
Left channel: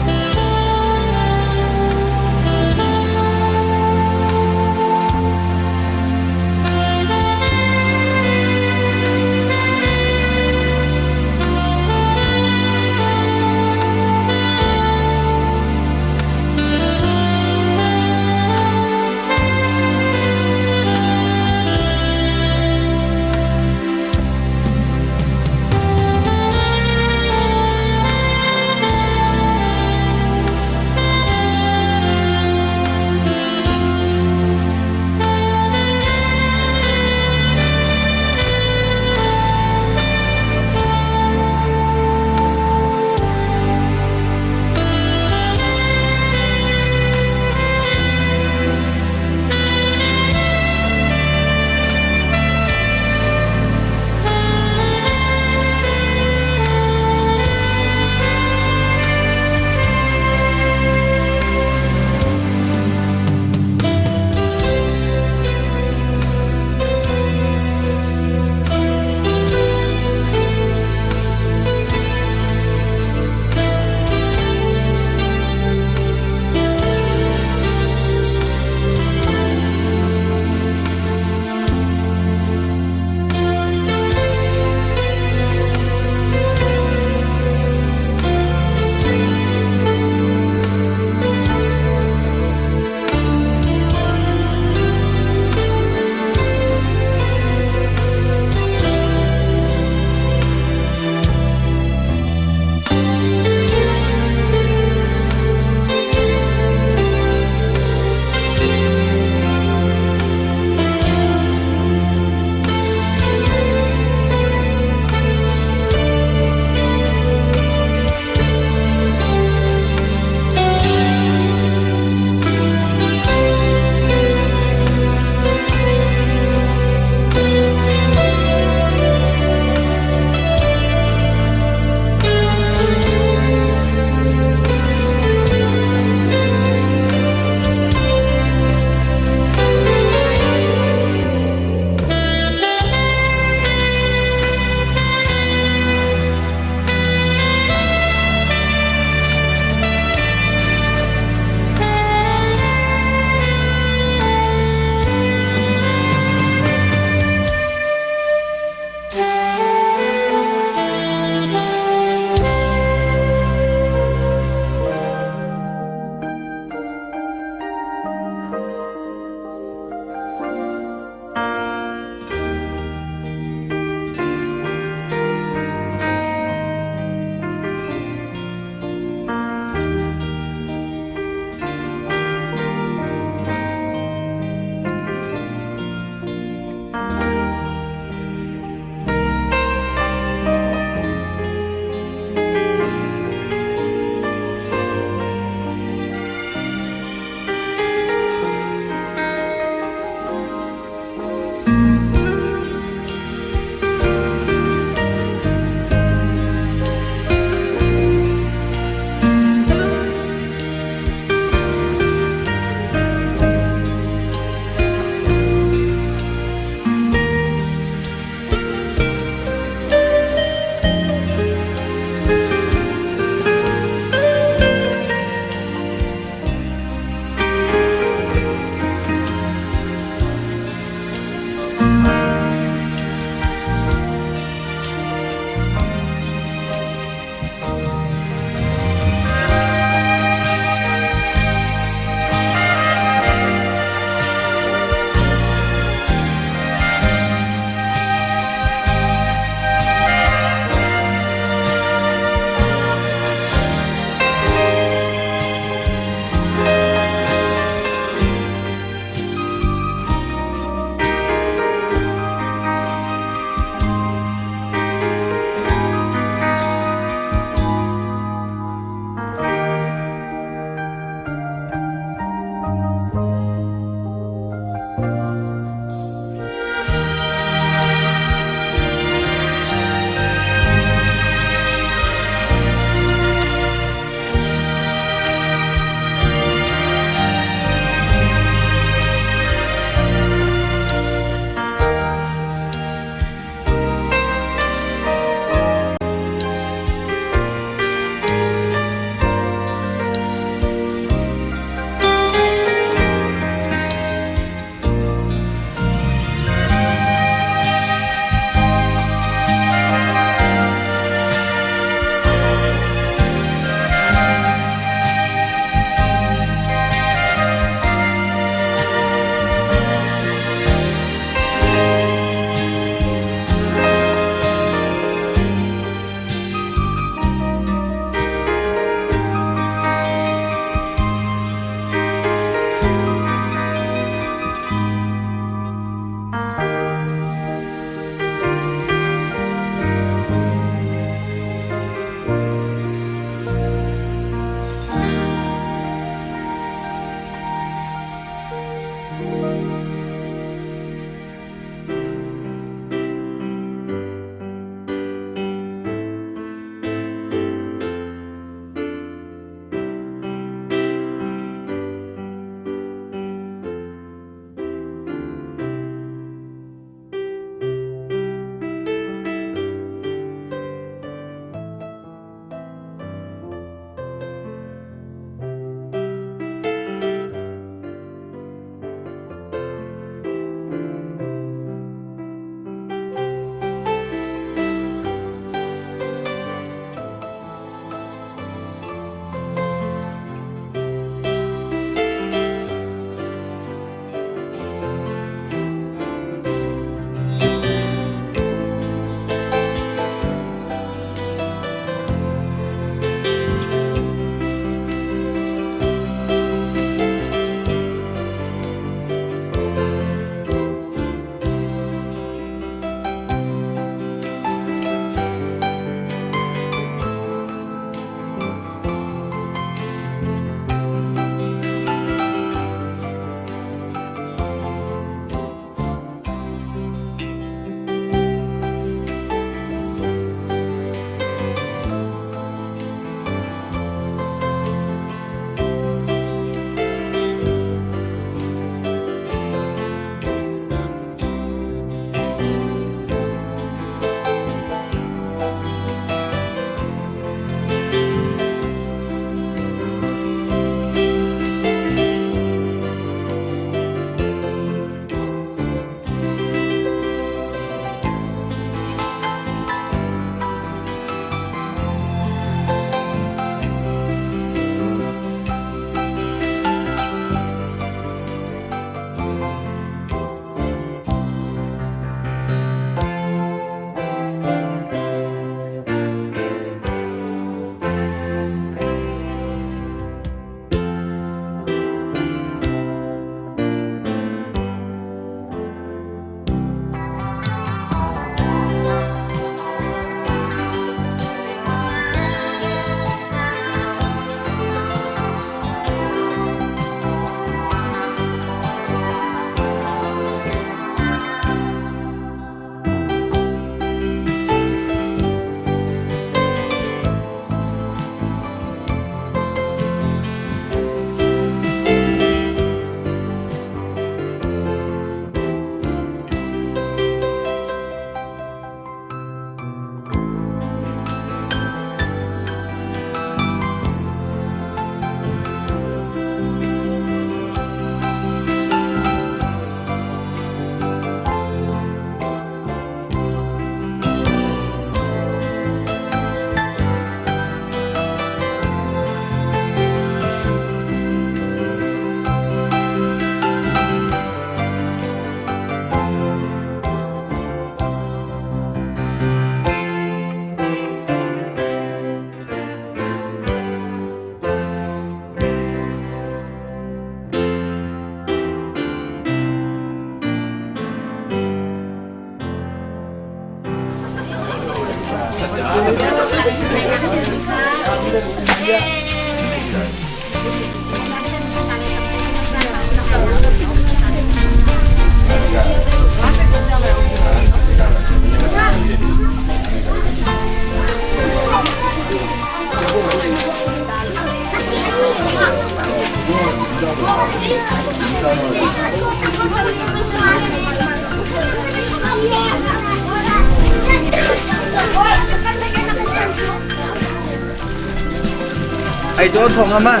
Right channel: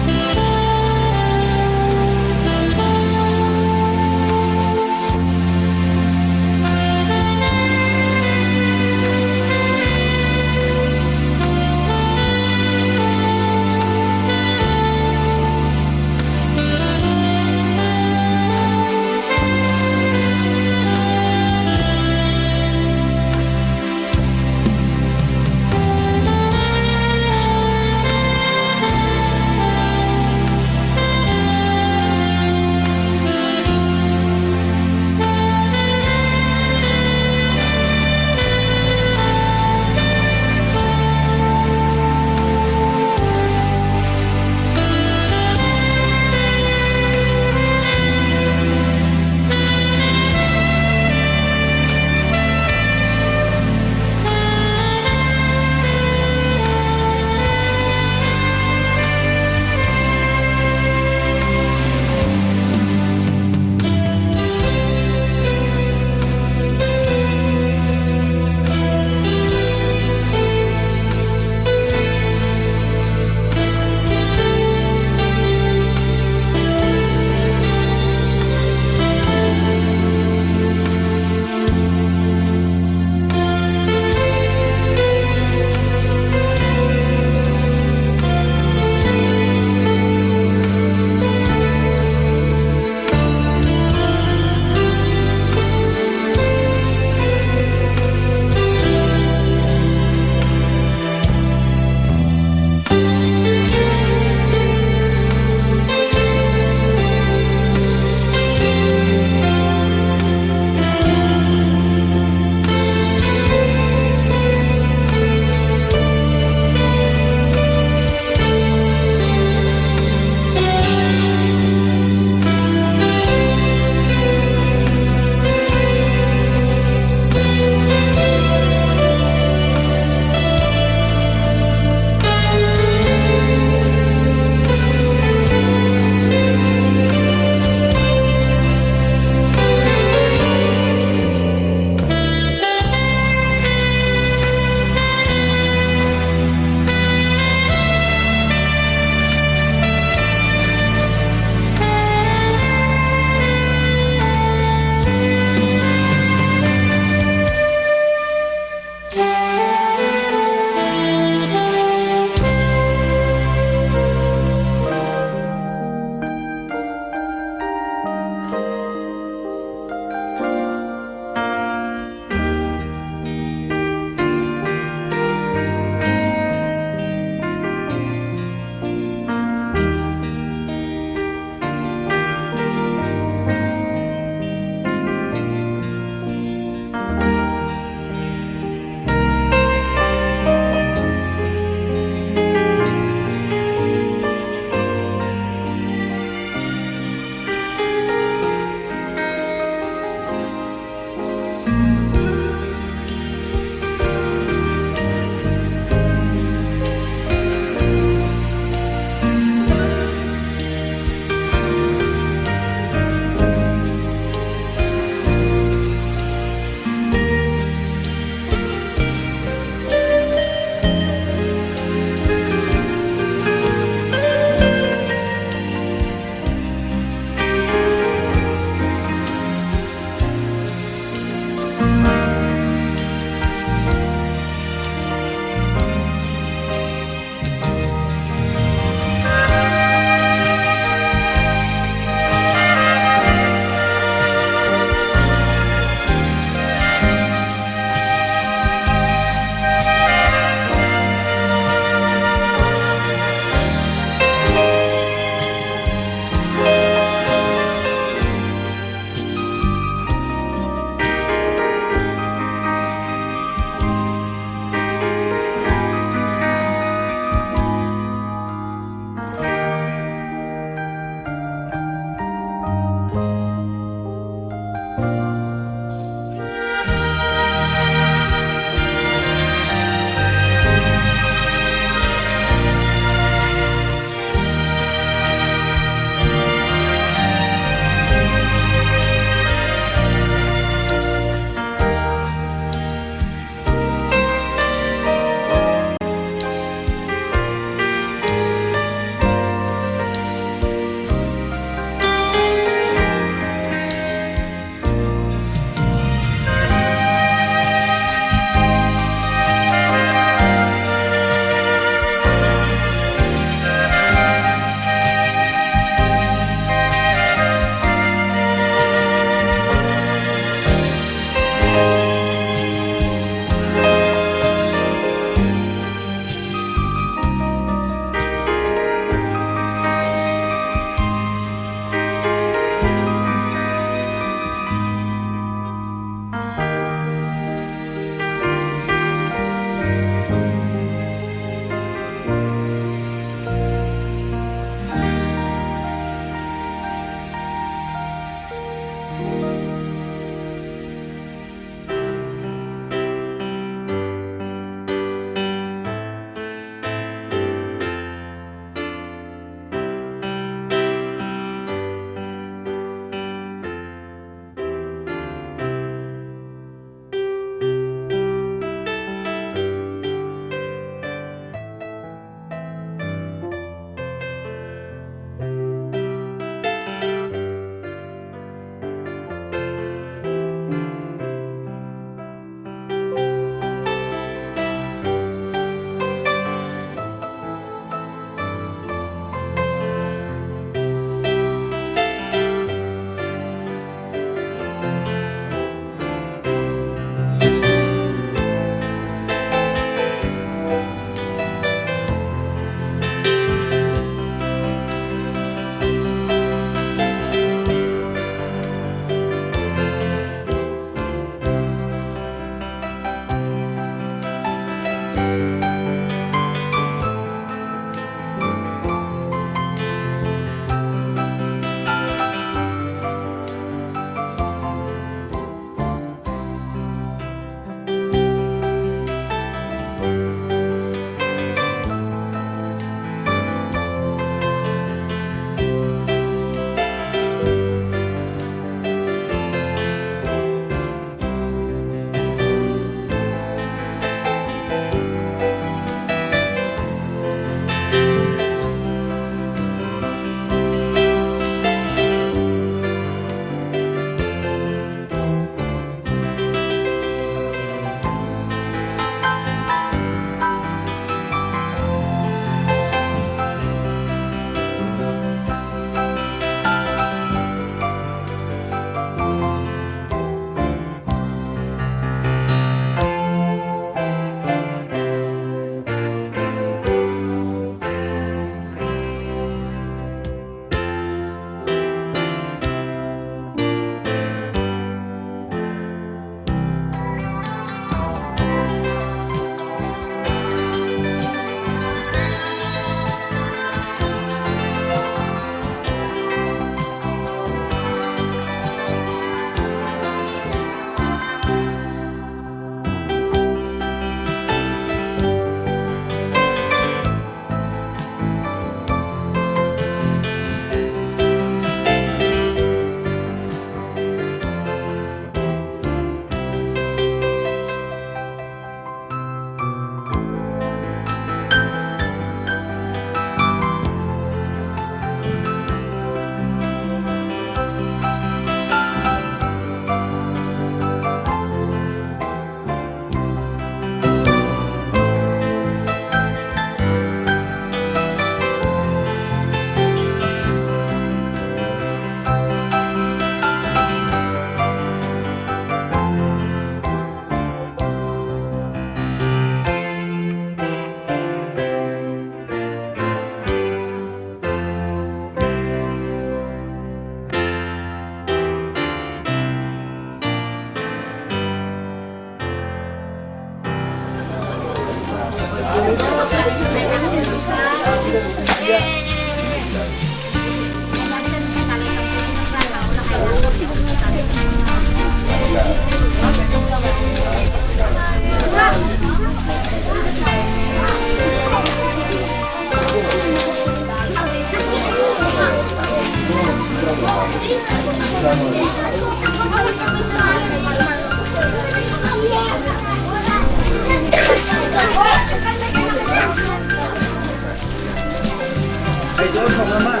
哎，这冲了吗？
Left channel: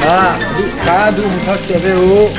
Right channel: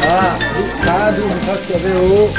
啊，大都不好吃的哦。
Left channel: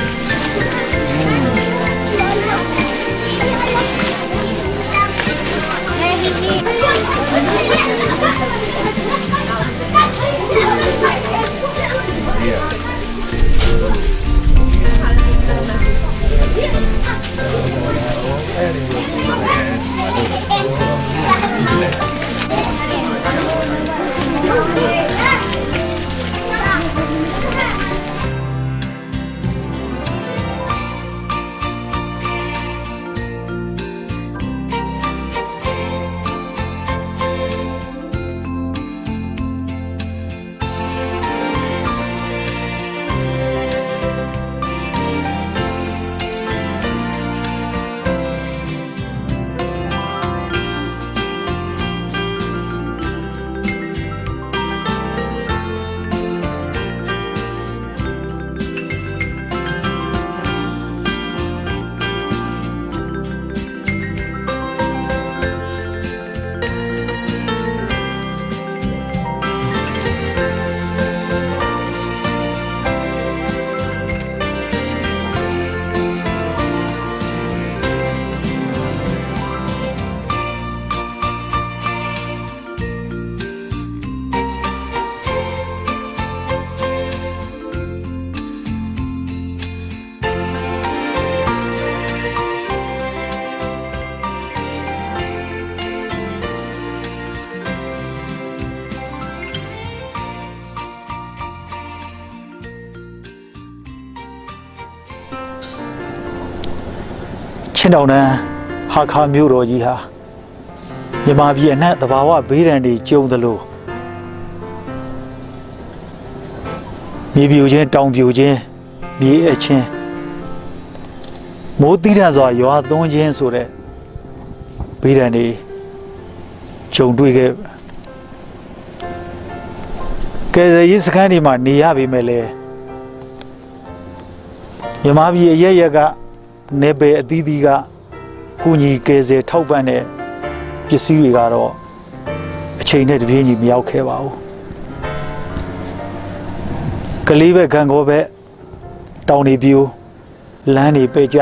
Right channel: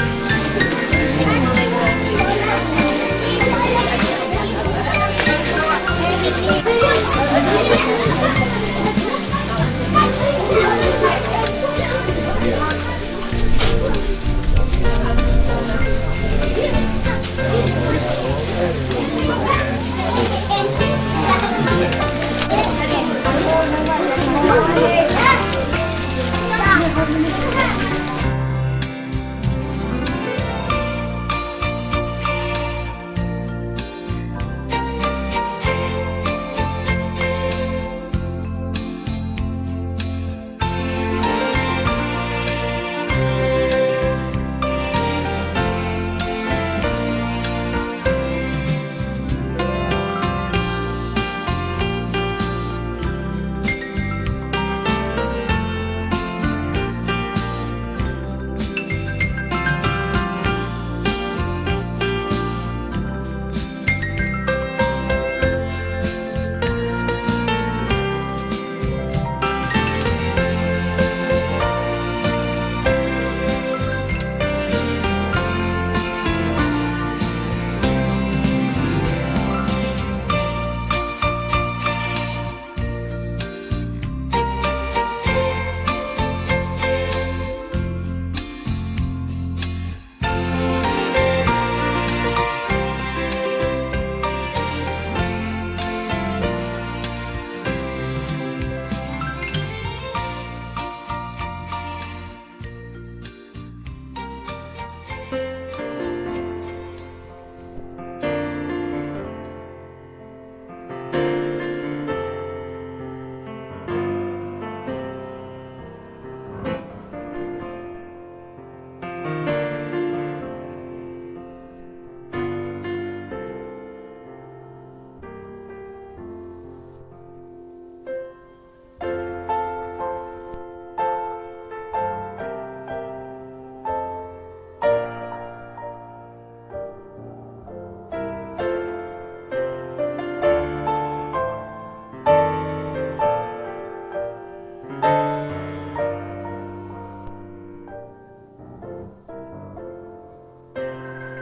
ချင်းတောင်တန်းဟာခါမြို့တော်ကြီးဟာမြန်မာပြည်အနှံ့သဘာဝဘေးဒဏ်တွေကျုံသလိုမြေပြိုခြင်းတောင်ပြိုခြင်းမြေအချင်းမိုးတိရစွာရွာသွန်းခြင်းဆိုတဲ့ဘေးဒဏ်တွေကျုံတွေ့ခဲ့ကယ်ဆယ်ရေးစခန်းတွေမှာနေရပေမဲ့လည်းမြန်မာပြည်အရက်ရက်ကနေပယ်အသီးသီးကကုညီကယ်ဆယ်ထောက်ပံ့တဲ့ပစ္စည်းတွေကတော့အချိန်နဲ့တပြေးညီမရောက်ခဲ့ပါဘူးကလေးပဲခံကောပဲတောင်တွေပြိုလမ်းတွေပဲ့ကျ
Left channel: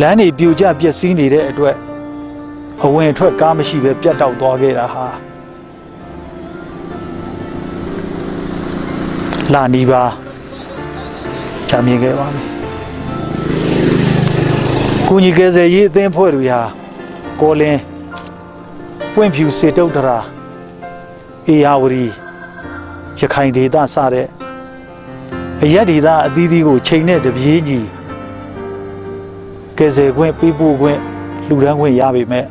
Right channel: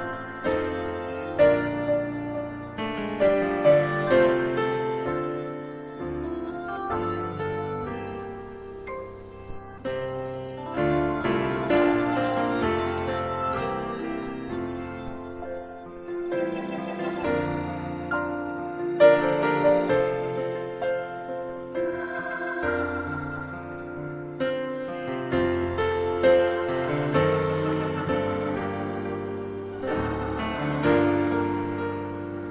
လမ်းတွေပြိုကျပျက်စီးနေတဲ့အတွက်အဝင်အထွက်ကားမရှိပဲပြတ်တောက်သွားခဲ့တာဟာလာနီးပါကြာမြင်ခဲ့ပါပြီကုညီကယ်ဆယ်ရေးအသင်းဖွဲ့တွေဟာကောလင်းပွင့်ဖြူစေတုတ်တရာအေယာဝတီရခိုင်ဒေသစတဲ့အရက်ဒေသအသီးသီးကိုချိန်နဲ့တပြေးညီကယ်ဆယ်ခွင့်ပေးပို့ခွင့်လှူဒန်းခွင့်ရပေမဲ့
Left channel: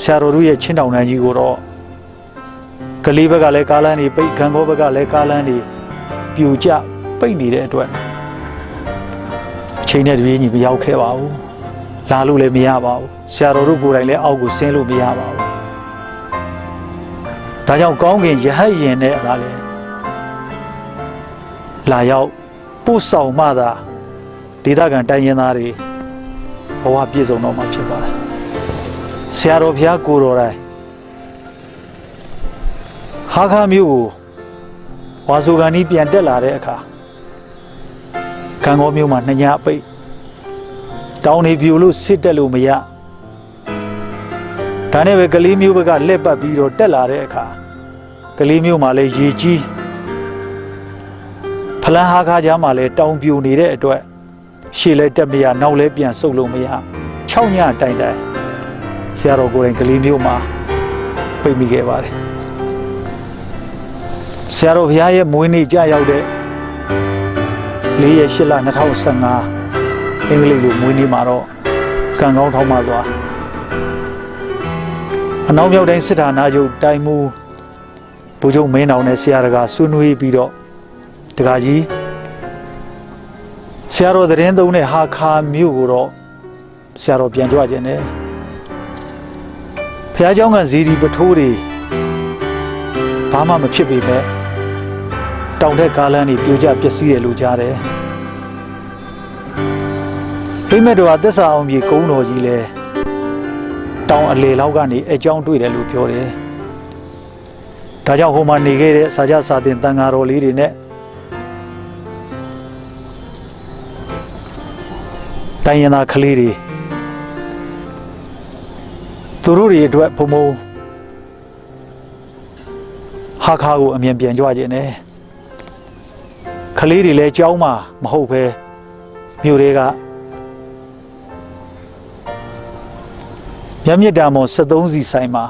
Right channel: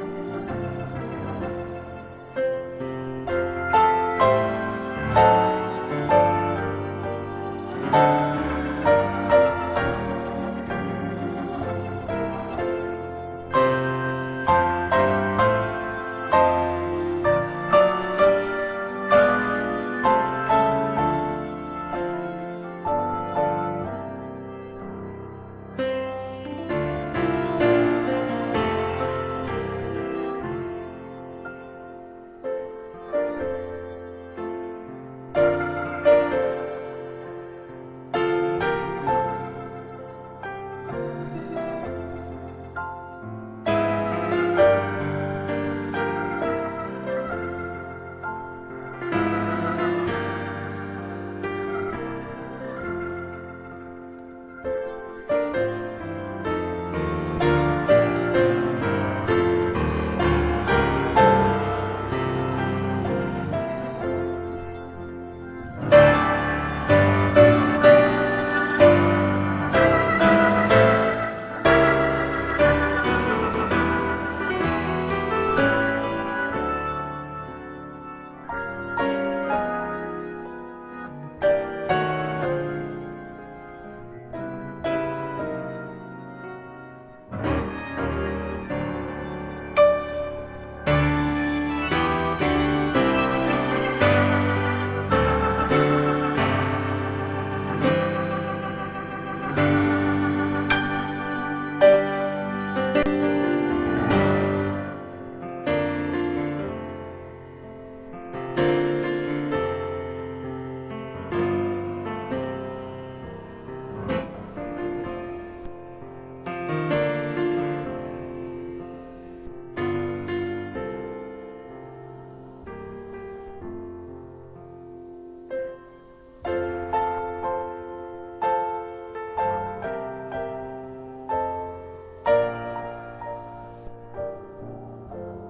ဆရာတော်တို့ရဲ့ချင်းတောင်တန်းကြီးကိုတော့ကလေးဘက်ကလည်းကားလမ်းတွေပိတ်ခံကောဘက်ကလည်းကားလမ်းတွေပြိုကျပိတ်နေတဲ့အတွက်အချိန်နဲ့တပြေးညီမရောက်ခဲ့ပါဘူးလာလို့လည်းမရပါဘူးဆရာတော်တို့ကိုယ်တိုင်လည်းအောက်ကိုဆင်းလို့မရပါဘူးဒါကြောင့်ကောင်းကင်ရဟတ်ရင်နဲ့ဒါလည်းလာရောက်ပို့ဆောင်မှသာဒေသခံတိုင်းရင်းသားတွေဘဝပြည့်စုံတော့မှာဖြစ်ပါတယ်ဆရာတော်ဘုရားကိုတော်တိုင်ဟာခါမျိုးကိုဝါဆိုကန်ကြီးပြန်တက်လာတဲ့အခါကံကောမျိုးမှာနှညပိတ်တောင်းနေပြူလို့စစ်တက်လို့မရဒါနဲ့ပဲကလေးမျိုးဘက်ကလက်ပတ်ပြီးတော့တက်လာတဲ့အခါကလေးမျိုးမှာလည်းရေကြီးဖလန်းဟာခါကြားမှာလည်းတောင်ပြူနေတဲ့အတွက်ရှေ့လဲတက်မရနောက်လဲပြန်ဆုပ်လို့မရ6ညတိုင်တိုင်ဆရာတော်ကိုယ်တိုင်ကလေးမျိုးမှာပြိမိခဲ့ပါတယ်ဆရာတော်ဘုရားရဲ့မွေးနေ့ကြာရောက်တဲ့4 ရက်8 လ 2015 အင်္ဂလိပ်လိုမွေးနေ့မှာတော့ကံကောင်းထောင်းပါစွာအနောက်မြောက်တိုင်းစစ်ဌာနချုပ်တိုင်းမှုဗိုလ်ချုပ်မင်းအောင်နဲ့ဆရာတော်ကဆွေးနွေးပြီးတော့တခါကြီးဆရာတော်သတင်းသုံးတဲ့ဟာခါမြို့ကိုတော့ဆရာတော်ပြန်ကြွခြင်းနဲ့ဘုရားကျောင်းကဇီဒီပထိုးတွေဘာမှမဖြစ်ပေမဲ့တောင်ထက်ကားလမ်းတွေပြိုကျပျက်စီးတယ်လို့ကြားတယ်ဖိမဲ့တော်ကသက်စာအောင်ကြီးကုန်းတော်ကြီးလဲတောင်အလေလောက်ကနေအကြောင်းတွေ့တယ်လို့ပြောတယ်ဒါကြောင့်ဟိုမှာနေခဲ့တဲ့စာကြစာတင်တန်ဃာတော်လေးတွေနဲ့တိုင်းရင်းသားကလေးတွေသူတို့တွေအတွက်ဘုံဘုံဟာခါကိုအမြင်ပြန်ကြွခြင်းနဲ့ကလေးတွေလည်းကြောင်းမှာမဟုတ်ပဲမြို့တွေကမြတ်မြတ်တာမော်73စီဆိုင်မှာ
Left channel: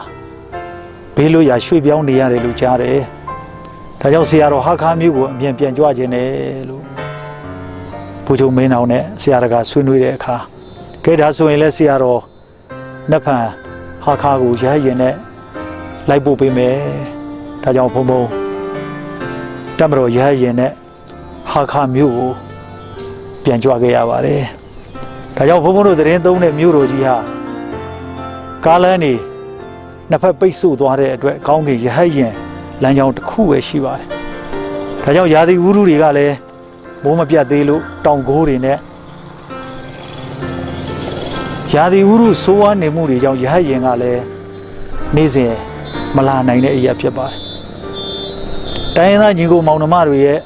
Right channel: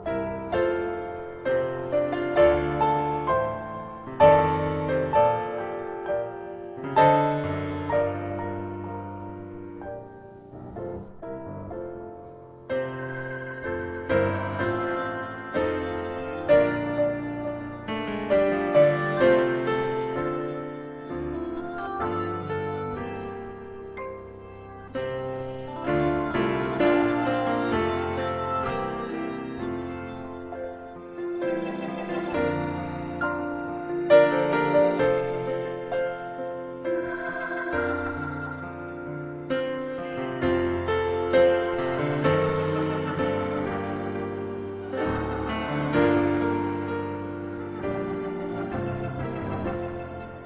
ဘေးလို့ရရွှေ့ပြောင်းနေရတယ်လို့ကြားတယ်ဒါကြောင့်ဆရာတော်ဟာခါမြို့ကိုအမြင်ပြန်ကြွခြင်းနဲ့လို့ဘုချုပ်မင်းအောင်နဲ့ဆရာတော်ကဆွေးနွေးတဲ့အခါကဲဒါဆိုရင်လည်းဆရာတော်နတ်ဖန်ဟာခါကိုရဟရင်နဲ့လိုက်ပို့ပေးမယ်ဒါကြောင့်ဘုံဘုံတမတော်ရဟရင်နဲ့ဟာခါမြို့ကိုပြန်ကြွခဲ့ရပါတယ်ဒါကြောင့်ဘုံဘုံတို့သတင်းသုံးတဲ့မြို့တော်ကြီးဟာကားလမ်းနေနှစ်ဖက်ပိတ်ဆို့သွားတဲ့အတွက်ကောင်းကင်ရဟရင်လမ်းကြောင်းတစ်ခုပဲရှိပါတယ်ဒါကြောင့်ရာသီဥတုတွေကလည်းမိုးမပြတ်သေးလို့တောင်ကိုးတွေနဲ့ရာသီဥတုဆိုးဝါးနေမှုတွေကြောင့်ရဟရင်ကလည်းနေ့စဉ်မလာနိုင်တဲ့အရာဖြစ်ပါတယ်တိုင်းရင်းသားညီကိုမောင်နှမတွေရဲ့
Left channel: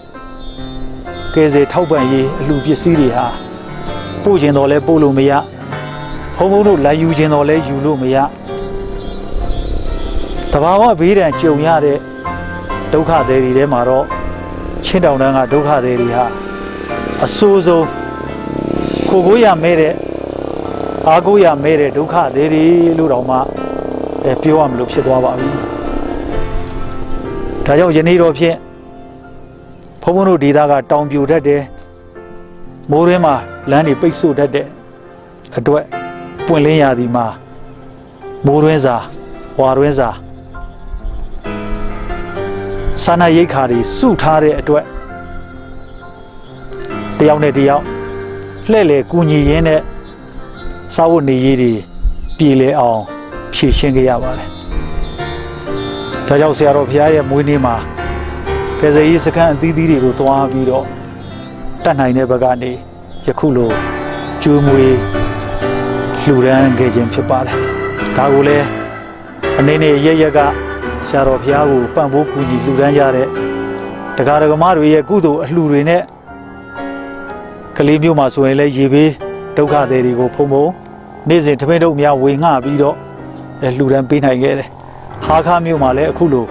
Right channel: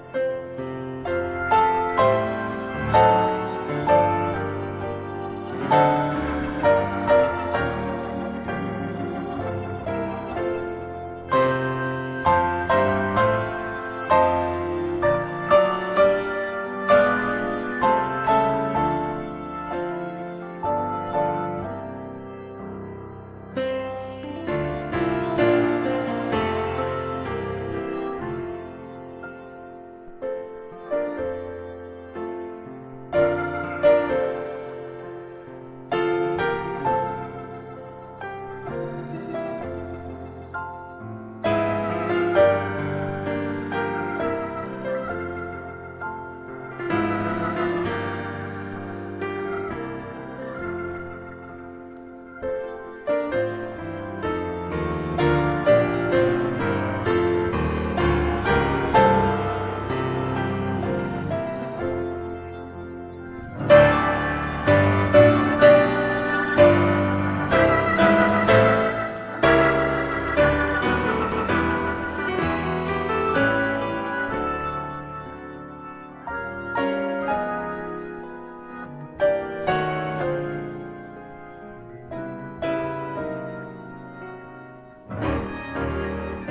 ကဲစေထောက်ပံ့ရေးအလှပစ္စည်းတွေဟာပို့ခြင်းတော့လဲပို့လို့မရဘုံဘုံတို့လာယူခြင်းတော့လဲယူလို့မရတဘာဝဘေးဒဏ်ကြုံရတဲ့ဒုက္ခတွေထဲမှာတော့ချင်းတောင်တန်းကဒုက္ခတွေဟာအဆိုးဆုံးကိုကိုရမဲတဲ့အာကိုရမဲတဲ့ဒုက္ခတွေလို့တောင်မှပြောရမလို့ဖြစ်သွားပါပြီဒါကြောင့်ယနေ့တော့ဖြင့်ဘုံဘုံတို့ဒေသကတောင်ပြိုတတ်တယ်မိုးရင်းမှာလမ်းတွေပိတ်ဆို့တတ်တဲ့အတွက်ပွင့်လင်းရာသီမှာမိုးရင်းစာဝါရင်းစာစာနာရိတ်ခါတွေစုထားတဲ့အတွက်တယောက်နဲ့တယောက်လှဲ့လေကူညီရင်းနဲ့စာဝတ်နေရေးတွေပြည်လဲအောင်ဖြည့်ရှင်းခဲ့ရပါတယ်။ဒါကြောင့်ဆရာတော်ဘုရားရဲ့မွေးနေ့မှာကယ်ဆယ်ရေးစခန်းအသီးသီးတွေကိုတွားပြီးတော့တတ်နိုင်တဲ့ဘက်ကနေယခုလိုကျိုးမွေးလှူဒန်းခဲ့ခြင်းဖြစ်ပါတယ်။ဒါကိုလည်းအနေနဲ့ရရကဆရာတော်ဘုရားကိုပံ့ပိုးကူညီလှူဒန်းရတဲ့တရားဓမ္မတွေရဲ့ကုသိုလ်အလှူတွေနဲ့ကလေးမျိုးမှာဆိုရင်လည်းရေဘေးဒုက္ခတွေကိုဖုံဖုံနေ့စဉ်ထမင်းတို့များဝေငှပြီးတော့လှူဒန်းပေးနိုင်ခဲ့တယ်။ဟာခါမျိုးမှာလည်းအခုလို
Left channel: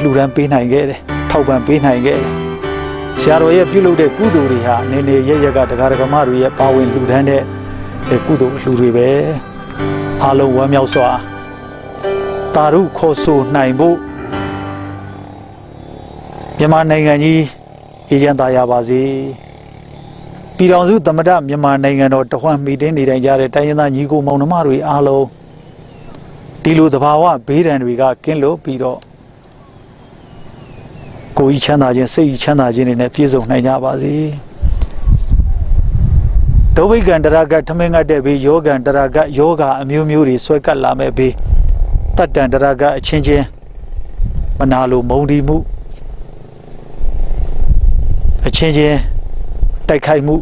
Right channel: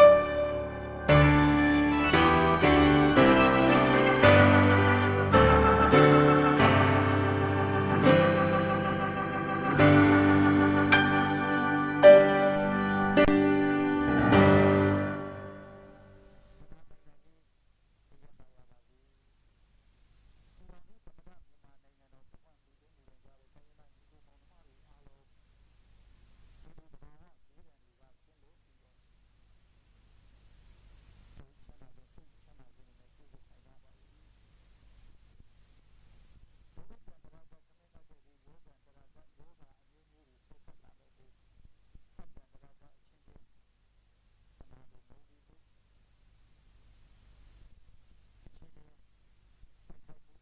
လှူဒန်းပေးနိုင်ခဲ့တယ်။ထောက်ပံ့ပေးနိုင်ခဲ့တယ်။ဆရာတော်ရဲ့ပြုလုပ်တဲ့ကုသိုလ်တွေဟာအနေနဲ့ရရကတရားဓမ္မတွေရဲ့ပါဝင်လှူဒန်းတဲ့ကုသိုလ်အလှူတွေပဲ။အားလုံးဝမ်းမြောက်စွာတာရုခေါ်ဆိုနိုင်ဖို့မြန်မာနိုင်ငံကြီးအေဂျင့်သားရပါစေပြည်ထောင်စုသမ္မတမြန်မာနိုင်ငံတော်တဝှမ်းမိတင်းနေတိုင်းကြတဲ့တိုင်းရင်းသားညီကိုမောင်နှမတွေအားလုံးဒီလိုသဘာဝဘေးဒဏ်တွေကကင်းလို့ပြီးတော့ကိုယ်ကြီးချမ်းသာခြင်းစိတ်ကြီးချမ်းသာခြင်းတွေနဲ့ပြည့်စုံနိုင်ကြပါစေဒုဗိကံတရကထမင်းငတ်တဲ့ဘေးယောဂံတရကယောဂအမျိုးမျိုးတွေဆွဲကပ်လာမဲ့ဘေးတတ္တံတရကအချင်းချင်းမနာလိုမုံဒီမှုအချင်းချင်းတိုက်ခိုက်မှု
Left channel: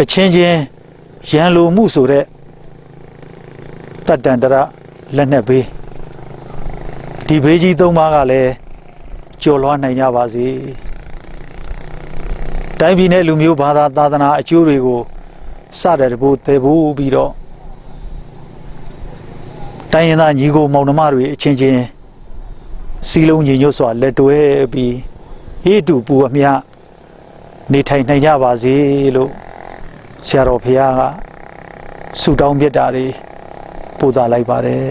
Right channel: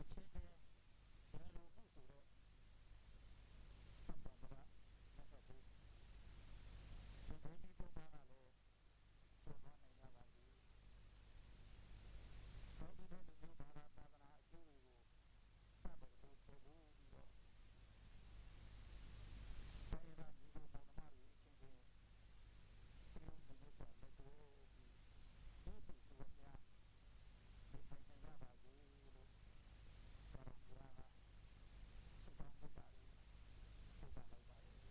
အချင်းချင်းရန်လိုမှုဆိုတဲ့တတ္တံတရလက်နဲ့ဘေးဒီဘေးကြီး၃ပါးကလည်းကျော်လွှားနိုင်ကြပါစေတိုင်းပြည်နဲ့လူမျိုးဘာသာသာသနာအကျိုးတွေကိုစတဲ့တဖို့သေဖို့ပြီးတော့တိုင်းရင်းသားညီကိုမောင်နှမတွေအချင်းချင်းစီလုံးညီညွတ်စွာလက်တွဲပြီးဟိတုပူအမြနေထိုင်နိုင်ကြပါစေလို့ဆရာတော်ဘုရားကဆုတောင်းမြတ်တာတွေပို့သလိုက်ပါတယ်